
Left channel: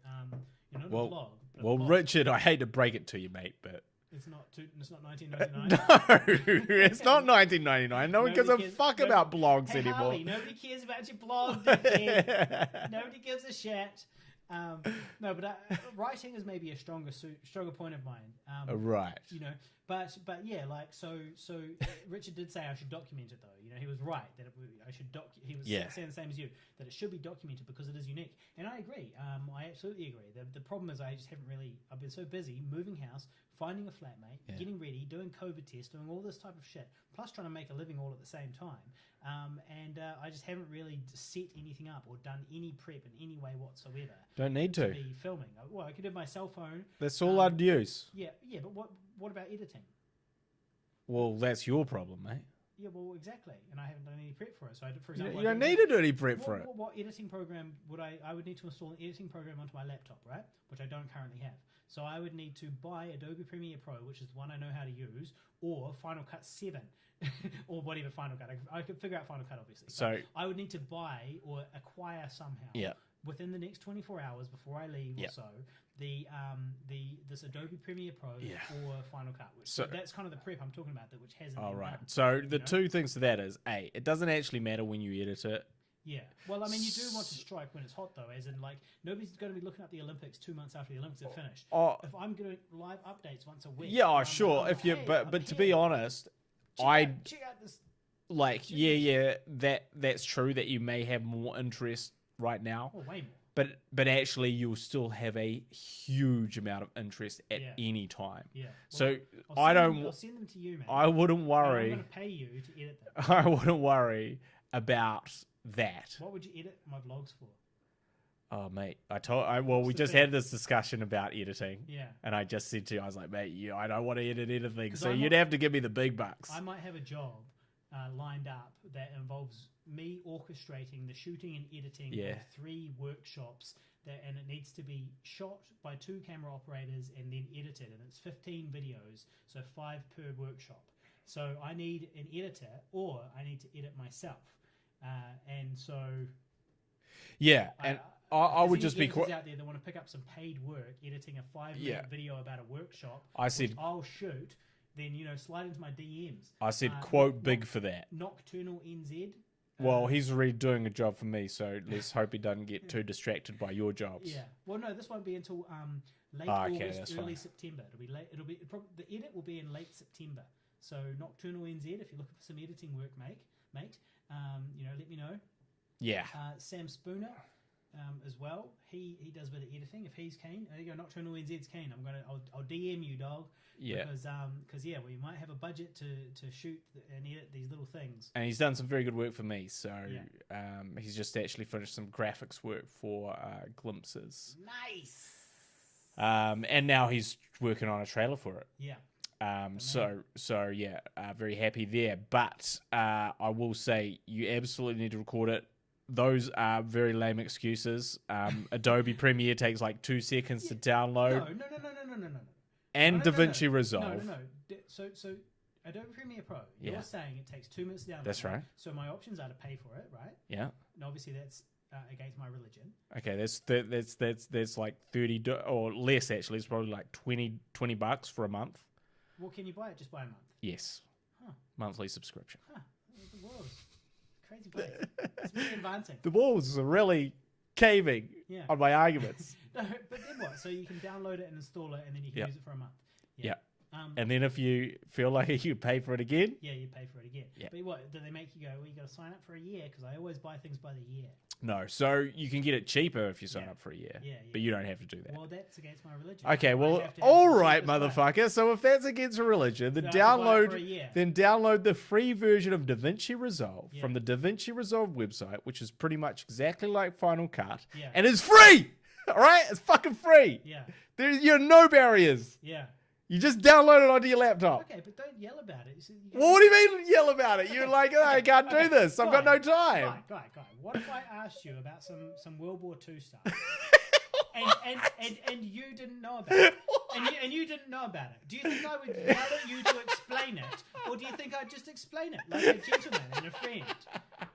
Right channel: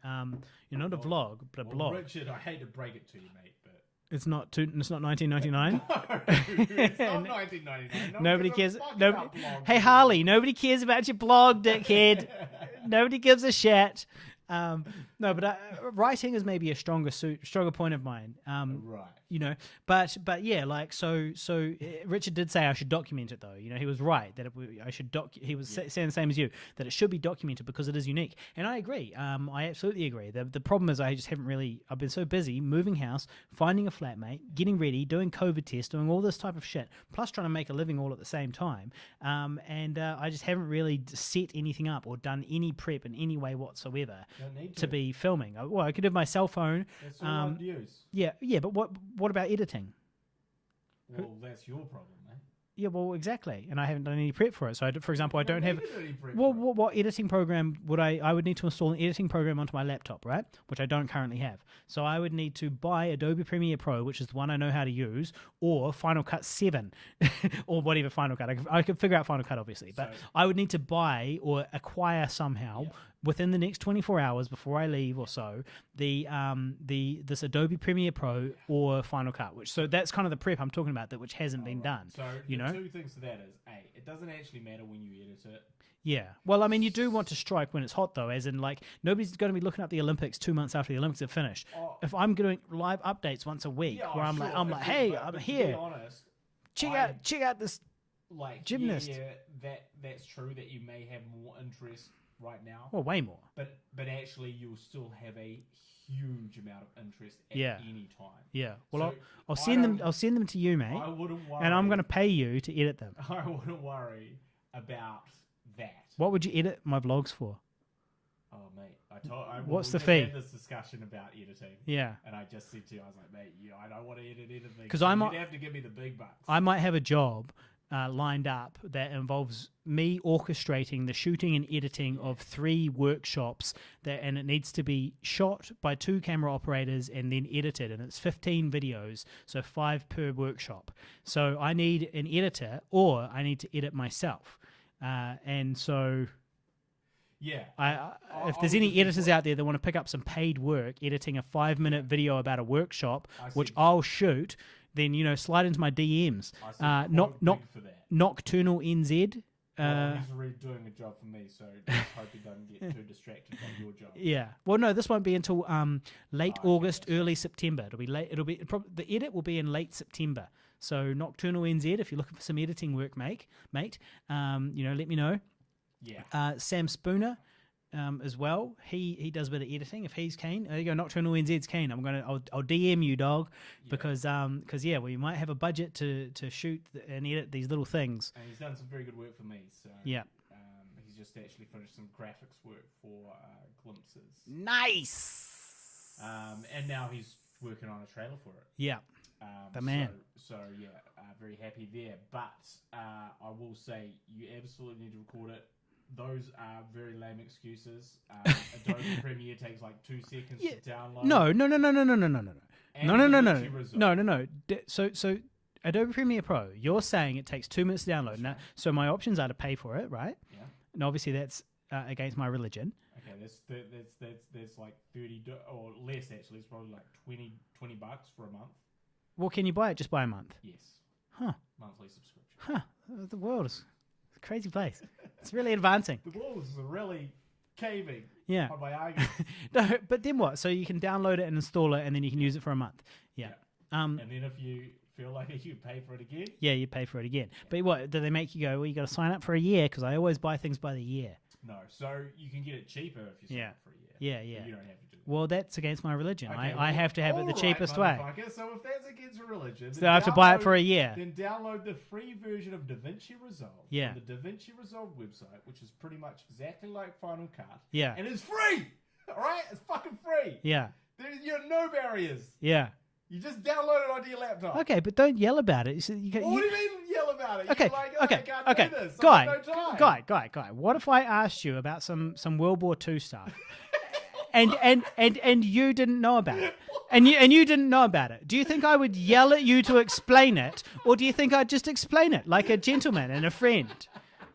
not a vlog, but a blog. Well, Richard, I hate to break it to you, mate, but... It's not 1999. No, it's not 1999. No one gives a fuck about blogs. Hey, Harley, nobody cares about your blog, dickhead. Nobody gives a shit. No, but writing is maybe a stronger point of mine. Right. But yeah, like so. Richard did say I should document it though. He was right that I should He was saying the same as you, that it should be documented because it is unique, and I agree. I absolutely agree. The problem is I just haven't really. I've been so busy moving house, finding a flatmate, getting ready, doing COVID tests, doing all this type of shit, plus trying to make a living all at the same time. And I just haven't really set anything up or done any prep in any way whatsoever. Don't need to be filming. Well, I could have my cell phone. That's all I'd use. Yeah, but what about editing? Well, that's your problem, mate. Yeah, well, exactly. And I haven't done any prep for it. So, for example, I don't need to do any prep for it. What editing program would I would need to install an editing program onto my laptop, right? Which I don't currently have. So I would need to buy Adobe Premiere Pro, which is the one I know how to use, or Final Cut 7, or whatever Final Cut. I could figure out Final Cut, obviously. But I would need to buy or acquire somehow within the next 24 hours before I leave or so, this Adobe Premiere Pro or Final Cut, which so that's kind of the prep I'm talking about, which hasn't been done. So the two things to that is, A, it doesn't actually matter when you edit it. Yeah. Well, I mean, you do want to strike when it's hot, though, as in, like, nobody's going to be looking up the Olympics 2 months after the Olympics have finished. If I'm doing live updates once a week. Yeah, sure. I'm hey, but to be honest, check out this. Like, gymnast. That's true that you may have more interest right now. Well, way more. But actually, you'll still have a huge amount of interest at any time. Yeah. Well, so I'll send them to you, mate. I wouldn't worry. And I'm going to pay you to edit them. I wouldn't worry about that. What would you edit my vlogs for? Oh, mate. What's We the just fee? had this discussion about editing. Yeah. And I just said to you, I was like, mate, I don't want to edit anything. 'Cause So I'm you'd not- have to give me the big bucks. I might have a job lined up that involves me orchestrating the shooting and editing Yeah. of 3 workshops, and it needs to be shot by 2 camera operators and then edited, and it's 15 videos, so 5 per workshop. So I need an editor, or I need to edit myself, and so yeah. if there's any editors out there that want to pick up some paid work editing a 5-minute video about a workshop, which I'll shoot, then slide into my DMs. I said quote big for that. Nocturnal NZ. Well, he's already doing a job for me, so let's hope he doesn't get too distracted by your jobs. Yeah. Well, no, this won't be until late Okay, August, that's early fine. September. It'll be late. The edit will be in late September. So Nocturnal NZ, if you're looking for some editing work, mate, let me know. Yeah. Sam Spooner, as well. He does a bit of editing. If he's keen, there you go. Nocturnal NZ's keen. I'll DM you, dog, Yeah. because we might have a budget to shoot and edit these little things. And he's done some very good work for me. So Yeah. He's just actually finished some graphics work for Glimpses. Nice. And now he's working on a trailer for it. Yeah. The man. So yeah, very happy there. But I will say you absolutely need to record it. Those are very lame excuses. Adobe Premiere takes like 2 seconds to download. No. And no, DaVinci Resolve. No. So Adobe Premiere Pro, you're saying it takes 2 minutes to download. That's Now, right. So my options are to pay for it, right? Yeah. And obviously that's against my religion. Okay, that's like or less actually. It's probably like $20 for a month. Well, can you buy it just by a month? Yes. Huh. Monthly subscription. Huh. The world is a crazy place. It's really advancing. The walls are really caving Yeah. on my arguments. No, but then what? So you can download it and install it, and then you can use it for a month. Yeah. And then if you feel like you pay for it again, Yeah, you pay for it again. Yeah. But what, do they make you go, well, you got to sign up for a year? Because I always buy things by the year. no. So you can get it cheaper if you sign Yeah. up for a year. Yeah. But you don't have to do that. Well, that's against my religion. Okay, I well, have to have all it the right, cheapest way. motherfucker. So if that's against religion, then So I have to buy it for a year. Then download the free version of DaVinci Resolve Yeah. from the DaVinci Resolve website, which is pretty much exactly like Final Cut. Yeah. And it's free! All right? It's fucking free. Yeah. You're no barriers. Yeah. You just download it onto your laptop. Okay, but don't yell about it. Well, what do you mean yell about it? You're like, I can't do this. I've got no time. Guy. What if I asked you about some World War II stuff, and you didn't know about it, and you didn't know about it? Do you think I would yell at you to explain it, or do you think I'd just explain it like a gentleman and a friend?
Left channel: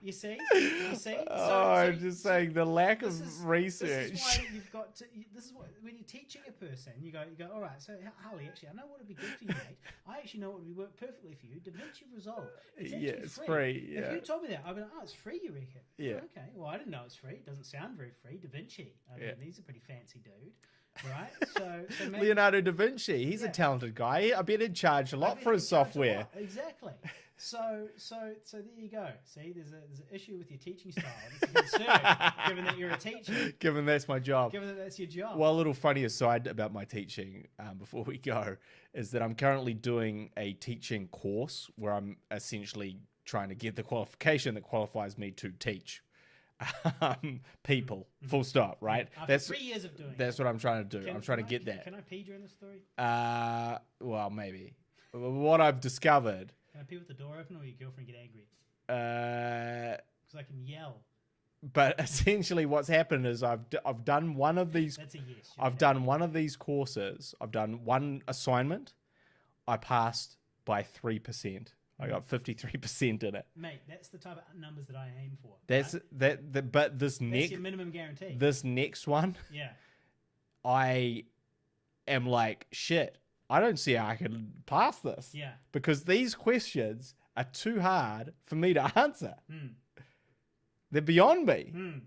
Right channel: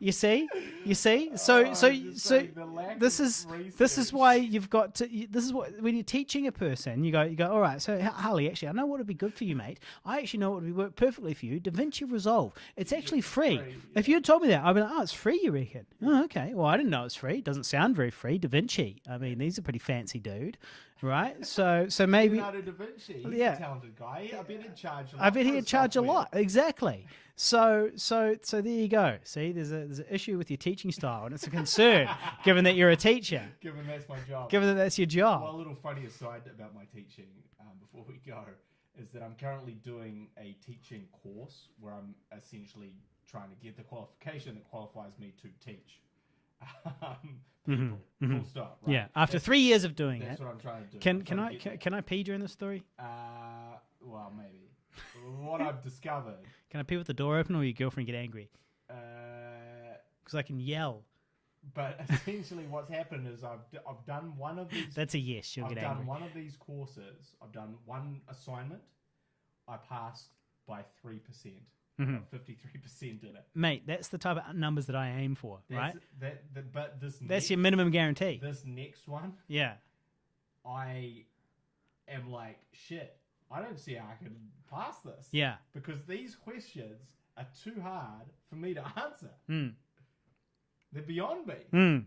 You see. So I'm just saying the lack this of is research. this is why you've got to. This is what when you're teaching a person, you go. All right. So Harley, actually, I know what would be good for you, mate. I actually know what would work perfectly for you. DaVinci Resolve. It's actually it's free. free, If yeah. you had told me that, I'd be like, oh, it's free. You reckon? Oh, okay. Well, I didn't know it's free. It doesn't sound very free. DaVinci. I mean, he's a pretty fancy dude, right? So maybe Leonardo da Vinci. He's Yeah. a talented guy. I bet he'd charge a lot. I bet for he'd his charge a software. lot. Exactly. So there you go. See, there's an issue with your teaching style, and it's a concern, given that you're a teacher, Given that's my job. given that that's your job. Well, a little funny aside about my teaching before we go is that I'm currently doing a teaching course where I'm essentially trying to get the qualification that qualifies me to teach people. Full stop. Right. Yeah. After 3 years of doing That's it, what I'm trying to do. I'm trying to get that. Can I pee during this story? Well, maybe. What I've discovered. Can I pee with the door open, or your girlfriend get angry? Uh, Because I can yell. but essentially, what's happened is I've done one of these. That's a yes. she'll I've get done angry. one of these courses. I've done one assignment. I passed by 3%. I got 53% in it. Mate, that's the type of numbers that I aim for. That's right? but this That's next your minimum guarantee. this next one, Yeah. I am like shit. I don't see how I can pass this. Yeah. Because these questions are too hard for me to answer. Mm. They're beyond me. Mm.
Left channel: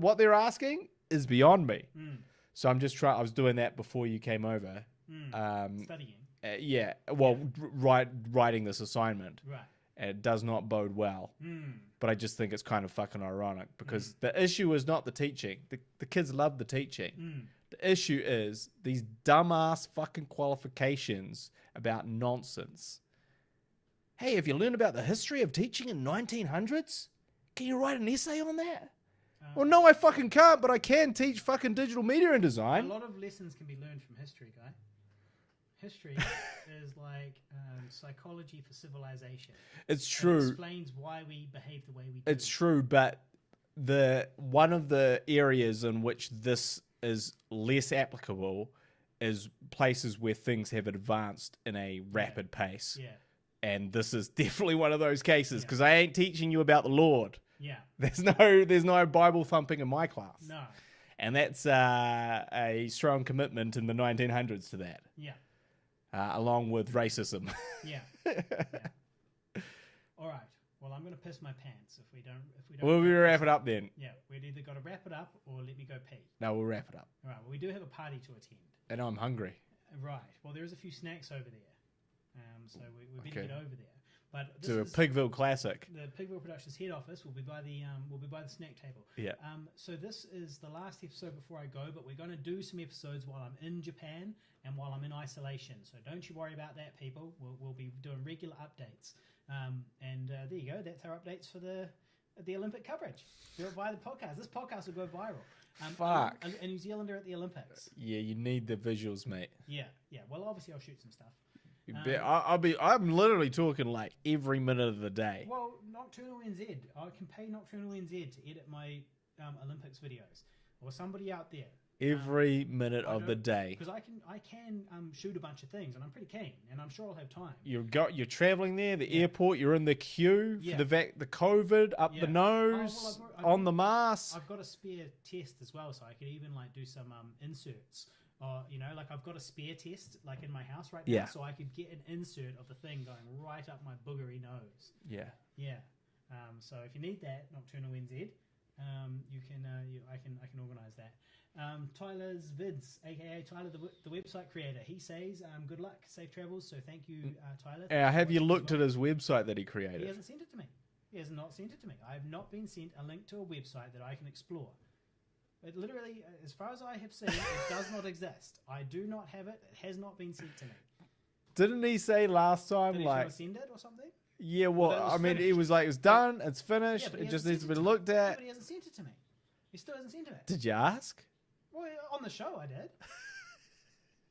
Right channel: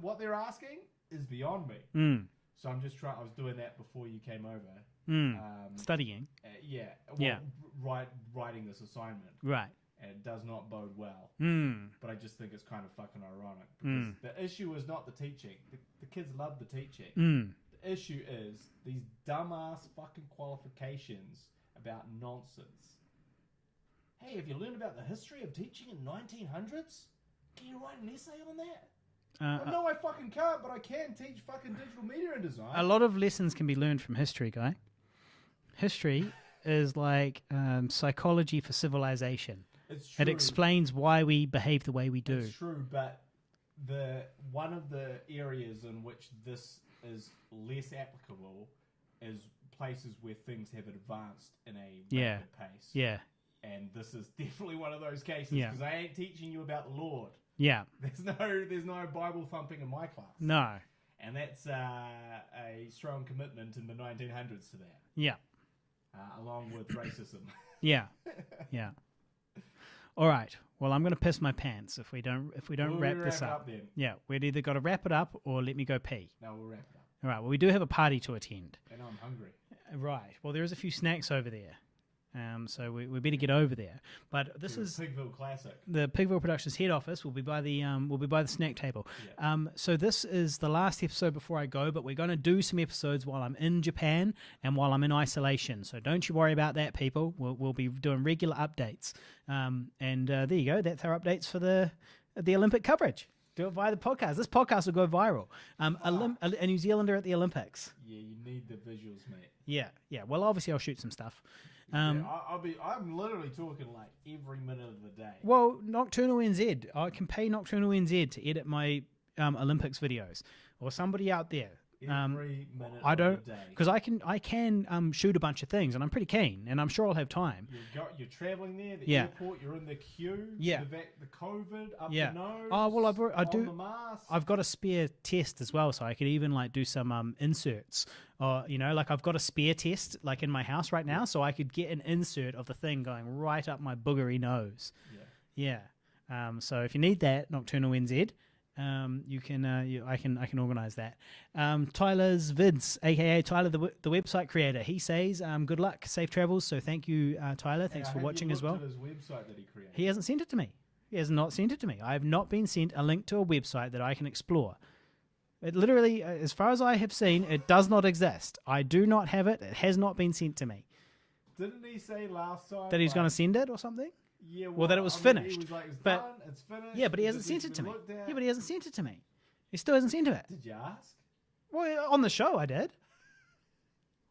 What they're asking is beyond me. Mm. So I'm just trying. I was doing that before you came over. Studying. Yeah. Well, Yeah. writing this assignment. Right. And it does not bode well. Mm. But I just think it's kind of fucking ironic because the issue is not the teaching. The kids love the teaching. Mm. The issue is these dumbass fucking qualifications about nonsense. Hey, have you learned about the history of teaching in 1900s? Can you write an essay on that? Well, no, I fucking can't, but I can teach fucking digital media and design. A lot of lessons can be learned from history, guy. History is like psychology for civilization. It's true. It explains why we behave the way we do. It's true, but one of the areas in which this is less applicable is places where things have advanced in a rapid pace. Yeah. And this is definitely one of those cases Yeah. because I ain't teaching you about the Lord. Yeah. There's no Bible thumping in my class. No. And that's a strong commitment in the 1900s to that, Yeah. along with racism. Yeah. Yeah. All right. Well, I'm going to piss my pants if we don't. We'll wrap it up then. Yeah, we'd either got to wrap it up or let me go pee. No, we'll wrap it up. All right. Well, we do have a party to attend. And I'm hungry. Right. Well, there is a few snacks over there, so we better get over there. But this To a is Pigville classic. the Pigville Productions head office. Will be by the snack table. Yeah. So this is the last episode before I go, but we're going to do some episodes while I'm in Japan and while I'm in isolation. So don't you worry about that, people. We'll be doing regular updates. And there you go. That's our updates for the Olympic coverage. Do it via the podcast. This podcast will go viral. A New Zealander at the Olympics. Yeah, you need the visuals, mate. Yeah. Well, obviously I'll shoot some stuff. I'm literally talking like every minute of the day. Well, Nocturnal NZ. I can pay Nocturnal NZ to edit my Olympics videos, or somebody out there. Every minute of the day. Because I can shoot a bunch of things, and I'm pretty keen, and I'm sure I'll have time. You're traveling there, the airport. You're in the queue. Yeah. The COVID up the nose. Oh well, on the mask. I've got a spare test as well, so I could even like do some inserts. Or like I've got a spare test like in my house right now, so I could get an insert of the thing going right up my boogery nose. Yeah. So if you need that, Nocturnal NZ. You can I can organize that. Tyler's vids, aka Tyler the website creator, he says good luck, safe travels. So thank you, Tyler. Thanks for have you watching looked as well. at his website that he created? He hasn't sent it to me. He has not sent it to me. I have not been sent a link to a website that I can explore. It literally, as far as I have seen, it does not exist. I do not have it. It has not been sent to me. Didn't he say last time That he's going to send it or something? Yeah, well that it was finished. He was like, it's done, it's finished. Yeah, but he hasn't just sent needs it to to be me. looked at. Yeah, but he hasn't sent it to me. He still hasn't sent it. Did you ask? Well, on the show I did.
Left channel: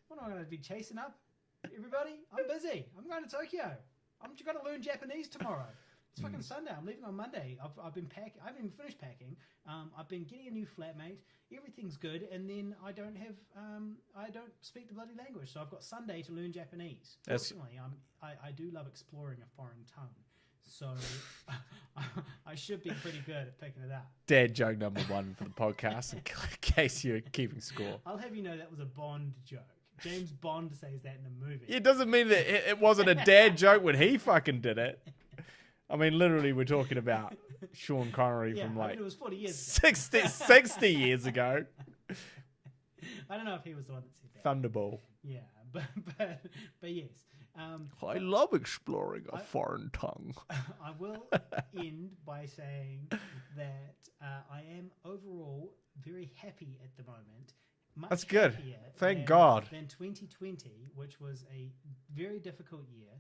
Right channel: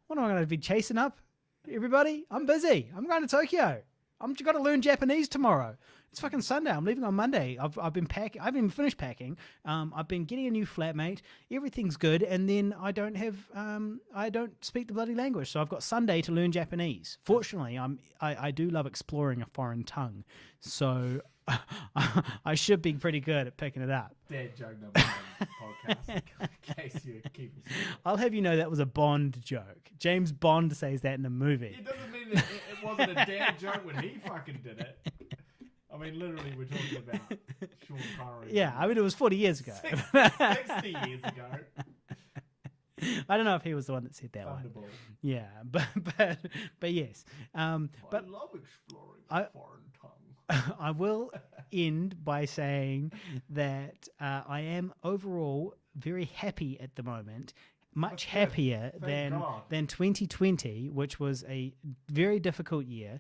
What am I going to be chasing up? Everybody? I'm busy. I'm going to Tokyo. I'm got to learn Japanese tomorrow. It's fucking Sunday. I'm leaving on Monday. I've been packing. I haven't even finished packing. I've been getting a new flatmate. Everything's good, and then I don't speak the bloody language. So I've got Sunday to learn Japanese. Fortunately, I do love exploring a foreign tongue, so I should be pretty good at picking it up. Dad joke number one for the podcast, in case you're keeping score. I'll have you know that was a Bond joke. James Bond says that in the movie. It doesn't mean that it wasn't a dad joke when he fucking did it. I mean, literally, we're talking about Sean Connery. Yeah, I mean, it was 40 years ago. 60 years ago. I don't know if he was the one that said that. Thunderball. Yeah, but yes. I love exploring a foreign tongue. I will end by saying that I am overall very happy at the moment. Much happier than 2020, which was a very difficult year.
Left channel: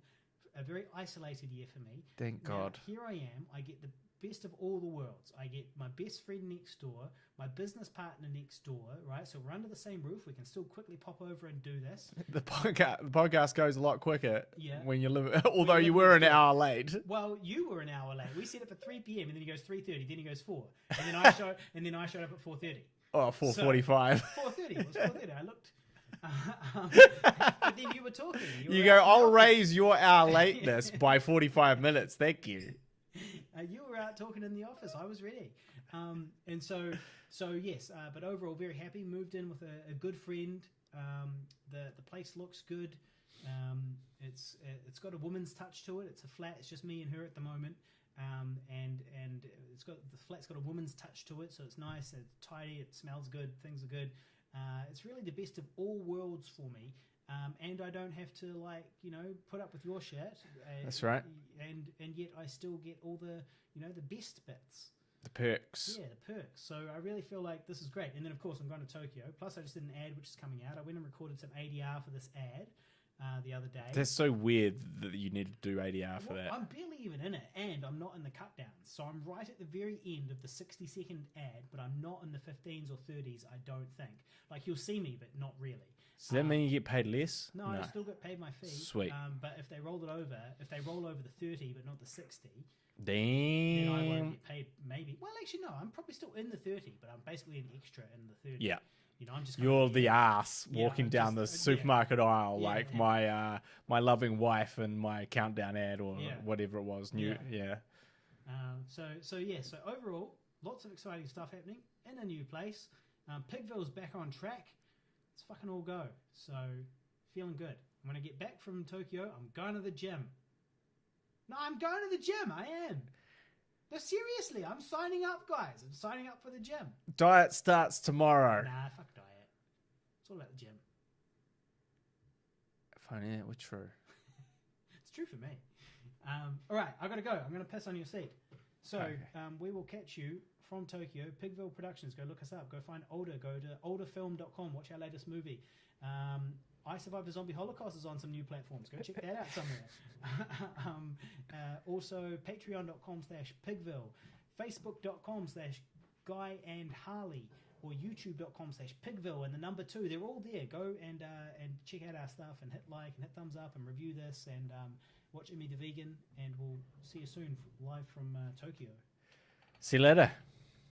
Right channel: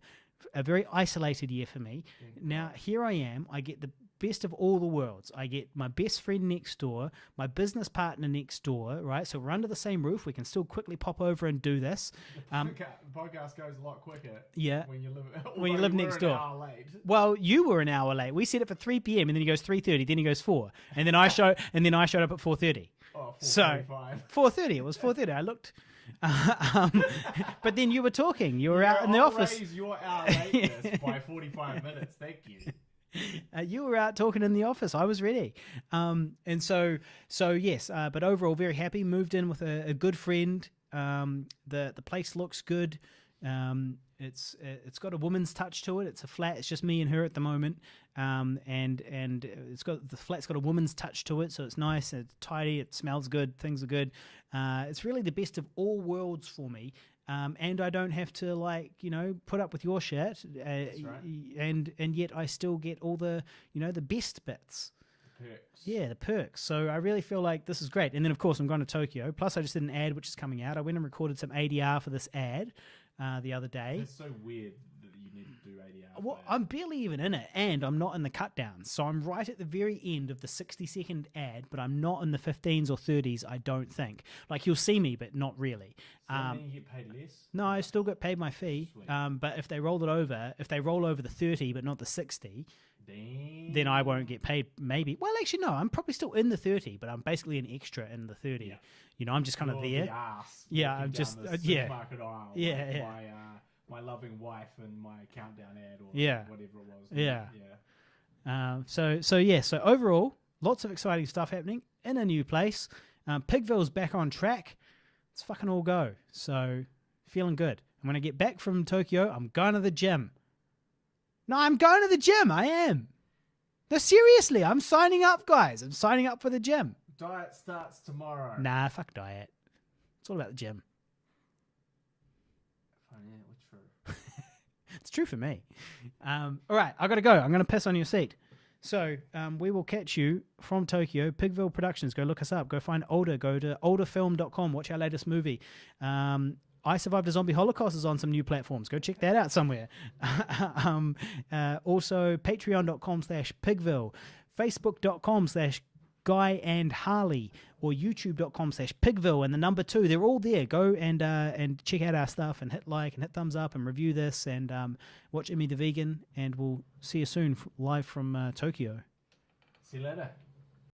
A very isolated year for me. Thank now, God. here I am. I get the best of all the worlds. I get my best friend next door, my business partner next door, right? So we're under the same roof. We can still quickly pop over and do this. The podcast goes a lot quicker when you live, although you were an hour late. Well, you were an hour late. We set it for 3 p.m. and then he goes 3:30, then he goes 4. And then I showed up at 4:30. Oh, 4:45. 4:30. It was 4:30. I looked... but then you were talking. You were I'll raise your hour lateness by 45 minutes. Thank you. You were out talking in the office. I was ready. And so yes. But overall, very happy. Moved in with a good friend. The place looks good. It's got a woman's touch to it. It's a flat. It's just me and her at the moment. And the flat's got a woman's touch to it, so it's nice. It's tidy. It smells good. Things are good. It's really the best of all worlds for me. And I don't have to put up with your shit. That's right. And yet I still get all the the best bits. The perks. Yeah, the perks. So I really feel like this is great. And then of course I'm going to Tokyo. Plus I just did an ad which is coming out. I went and recorded some ADR for this ad. the other day. That's so weird that you need to do ADR for Well, that. I'm barely even in it, and I'm not in the cut downs. So I'm right at the very end of the 60-second ad, but I'm not in the 15s or 30s, I don't think. Like, you'll see me, but not really. Does that mean you get paid less? No, I still get paid my fee. Sweet. But if they roll over the 30 but not the 60, Damn. then I won't get paid maybe. Well, actually, no, I'm probably still in the 30, but I'm basically an extra in the 30. Yeah. You know, I'm just kind You're of the ass walking I'm down just- the yeah. supermarket aisle Yeah, like yeah. my loving wife and my countdown ad or Yeah. whatever it was. Yeah. Yeah. So overall, lots of exciting stuff happening in a new place. Pigville's back on track. Let's fucking all go. So feeling good. And when I get back from Tokyo, I'm going to the gym. No, I'm going to the gym. I am. No, seriously, I'm signing up, guys. I'm signing up for the gym. Diet starts tomorrow. Nah, fuck diet. It's all about the gym. Funny, that was true. It's true for me. All right, I got to go. I'm going to piss on your seat. So we will catch you from Tokyo. Pigville Productions. Go look us up. Go find Older. Go to olderfilm.com. Watch our latest movie. I Survived a Zombie Holocaust is on some new platforms. Go check that out somewhere. Also, patreon.com/Pigville, facebook.com/Guy and Harley, or youtube.com/Pigville and the number 2. They're all there. Go and check out our stuff and hit like and hit thumbs up and review this and watch Immi the Vegan. And we'll see you soon live from Tokyo. See you later.